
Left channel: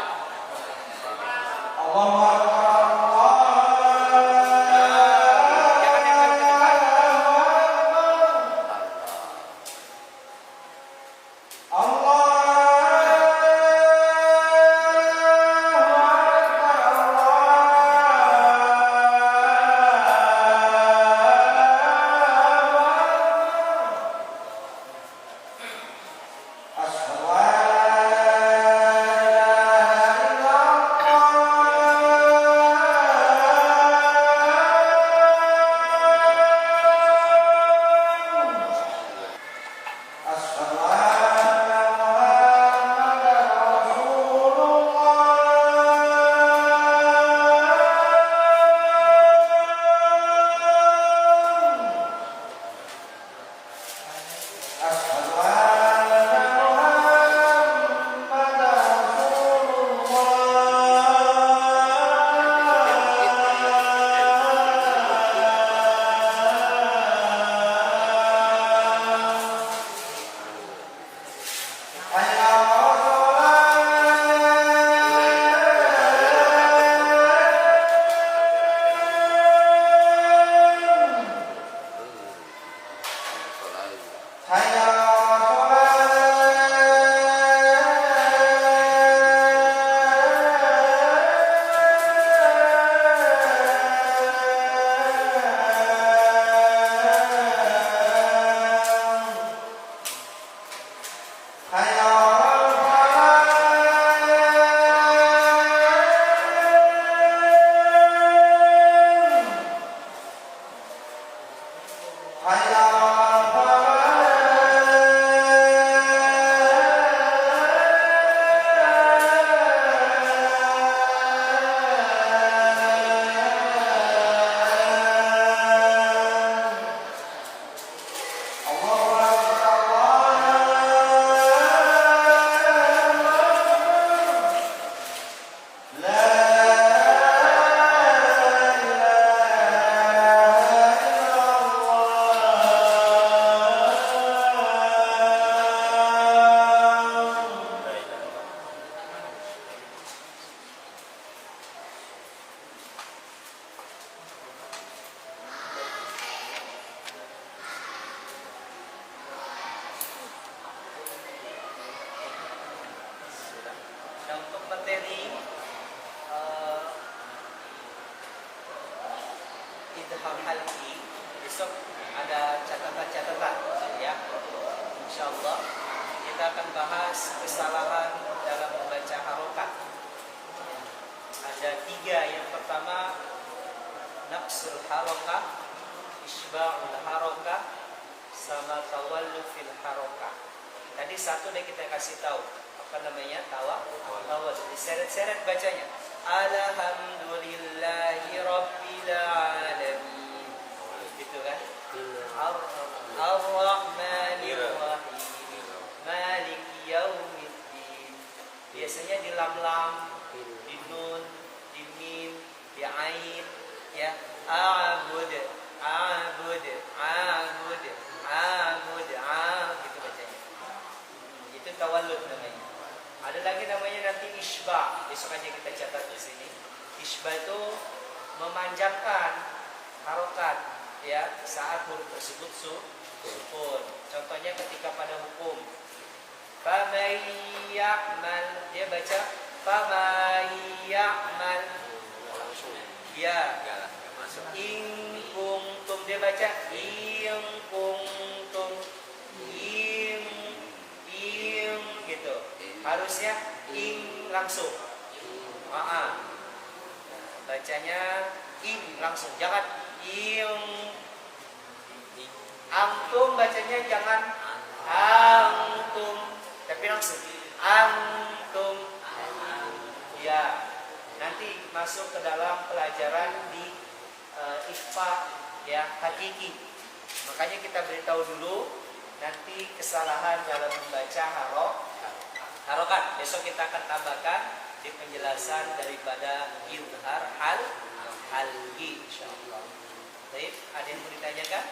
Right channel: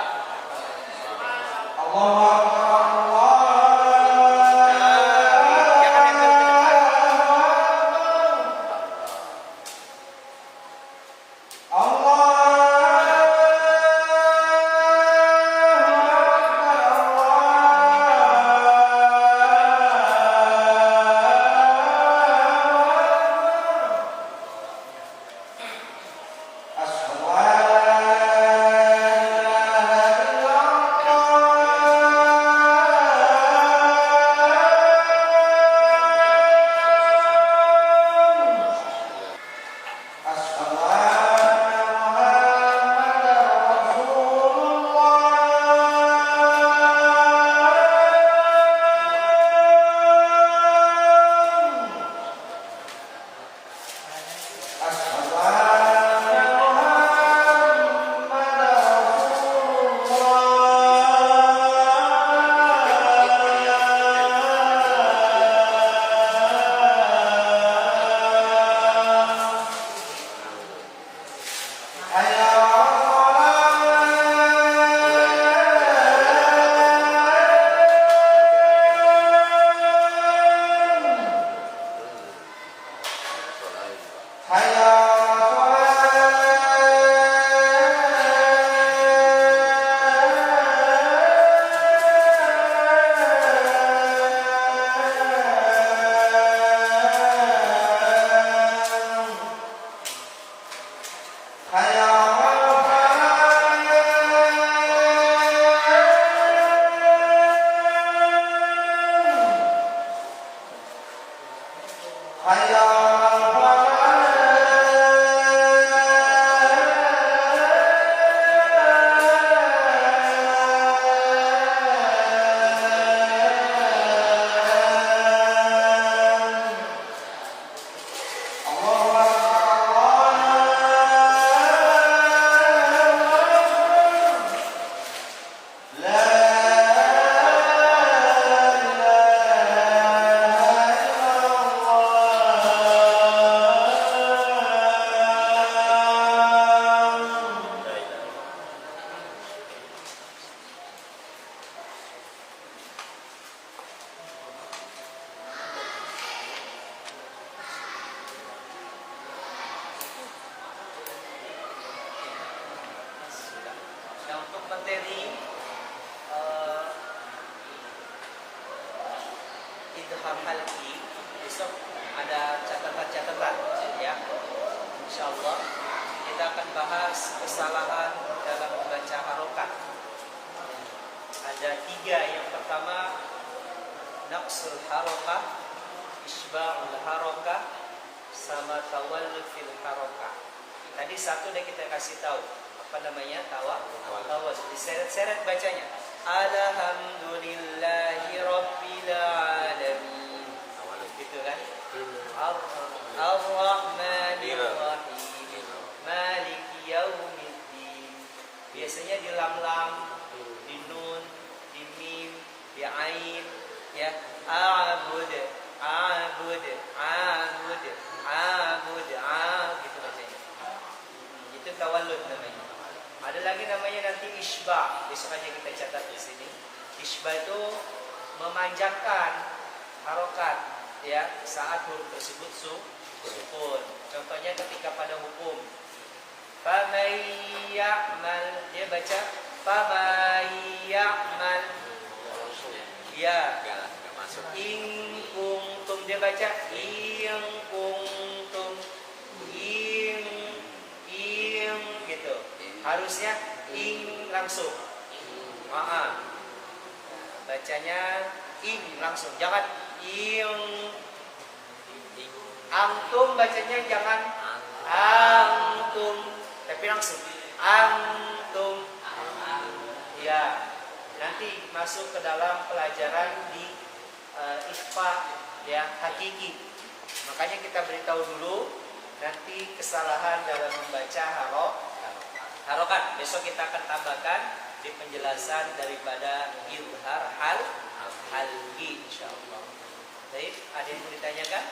Dan untuk materi idhar halki besok ada catatan-catatan ya. Insyaallah kita akan bahas kesalahan dalam membaca harokat. Ada 3. Yang pertama naqsul harokah, isba'ul harokah, sama tawallu fil harokah. Tadi satu udah kita kasih tahu. Apa namanya? Tawal. Diseret-seret bacanya. Alhamdulillahi rabbil alamin. Gitu kan? Ar-Rahmanir Rahim. Abud, abud, abud, abud, gitu bacanya. Itu tawallud namanya. Ada lagi namanya nanti isba. Besok aja kita catat di sini. Isba itu memanjangkan harokat ya saat huruf tersebut sukun. Contohnya ketika pada hukum faman ya'mal, dia baca faman ya'mal ya. In kuntum, dia baca in kuntum, in gitu. Harusnya in langsung. Bacanya in langsung, jangan in. Antum bacanya jangan antum, tapi langsung antum. Ya, nanti masuk ke dalam pelajaran di ikhfa ya hakiki. Makanya kita beritahu dulu nanti kesalahan dalam membaca harokat. Besok kita akan tambahkan di penjelasan daripada izhar halgi insyaallah. Baik, ada yang mau ditanyakan?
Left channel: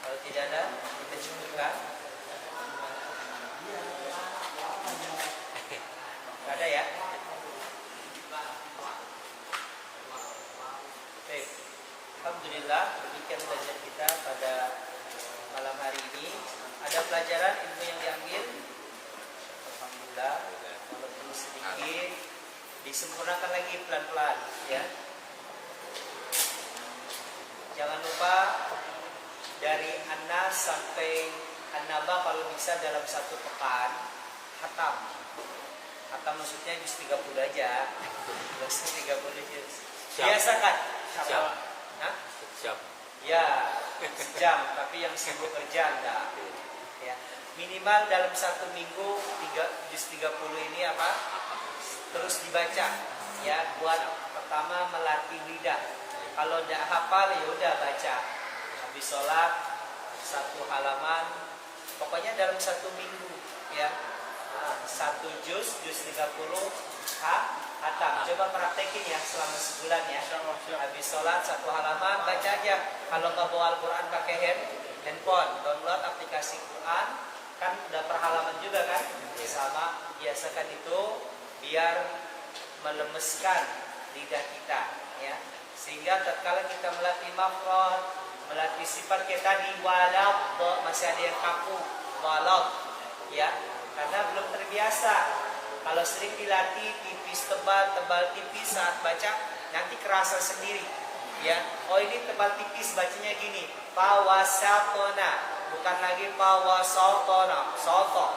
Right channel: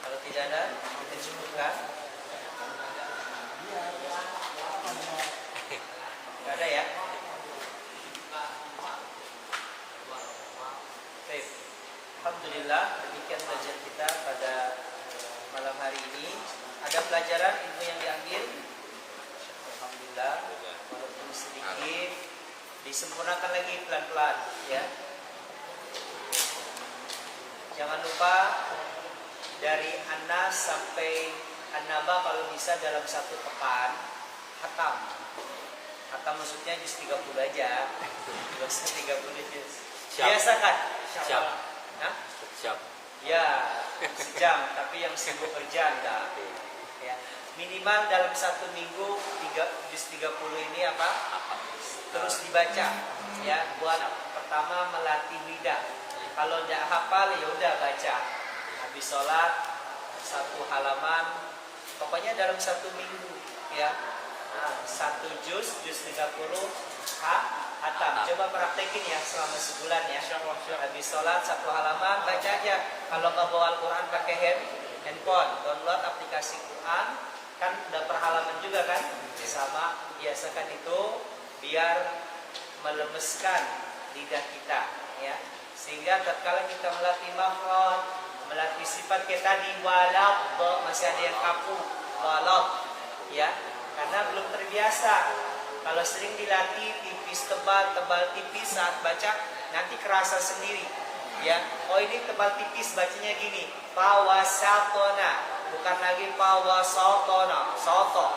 Kalau tidak ada, kita cukupkan. Tidak ada ya? Baik. Alhamdulillah, demikian belajar kita pada malam hari ini. Ada pelajaran ilmu yang diambil? Alhamdulillah, walaupun sedikit, disempurnakan lagi pelan-pelan ya. Jangan lupa dari An-Nas sampai An-Naba kalau bisa dalam satu pekan hatam. Hatam maksudnya juz 30 aja. Enggak usah 30 juz. Biasakan. Siap. Hah? Siap. Ya, sejam, tapi yang sibuk kerja enggak. Ya. Minimal dalam satu minggu juz 30 ini apa? Terus dibaca. Ya, buat pertama melatih lidah. Kalau enggak hafal ya udah baca. Habis sholat satu halaman, pokoknya dalam satu minggu ya. Satu juz 30 hatam. Coba praktekin ya selama sebulan ya. Habis sholat satu halaman baca aja. Kalau nggak bawa Al-Quran pakai handphone, download aplikasi Quran, kan udah per halaman juga kan. Sama biasakan itu biar melemeskan lidah kita ya. Sehingga tatkala kita melatih makhraj, melatih sifat kayak tadi walad, masih ada yang kaku walad ya, karena belum terbiasa. Kalau sering dilatih tipis tebal tipis saat baca nanti kerasa sendiri ya. Oh ini tebal tipis bacanya gini, pawasatona, bukan lagi pawasatona, soto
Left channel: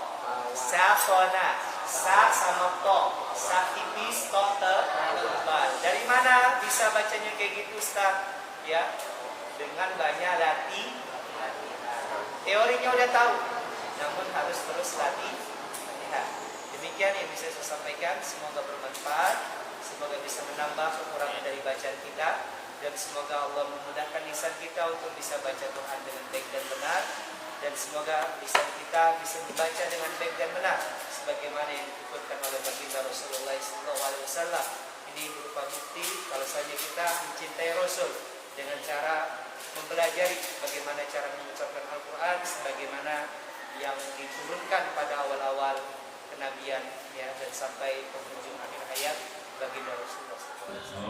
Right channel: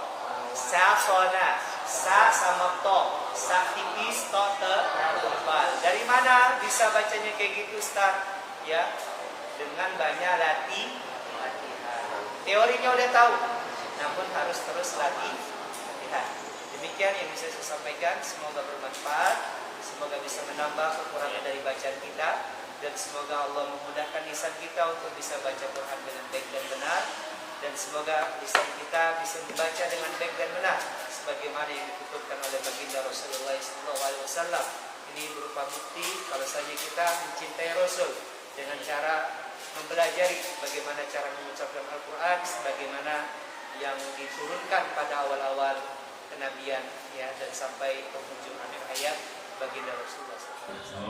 satona, sa sama to, sa tipis to tebal. Dari mana bisa bacanya kayak gitu Ustaz? Ya, dengan banyak latihan. Teorinya udah tahu, namun harus terus latihan. Demikian yang bisa saya sampaikan. Semoga bermanfaat, semoga bisa menambah kekurangan dari bacaan kita, dan semoga Allah memudahkan lisan kita untuk bisa baca Quran dengan baik dan benar, dan semoga lisan kita bisa membaca dengan baik dan benar sebagaimana yang dituturkan oleh baginda Rasulullah SAW. Ini berupa bukti kalau saja kita mencintai Rasul dengan cara mempelajari bagaimana cara mengucapkan Al-Quran sebagaimana yang diturunkan pada awal-awal kenabian ya, dan sampai penghujung akhir hayat baginda Rasulullah SAW.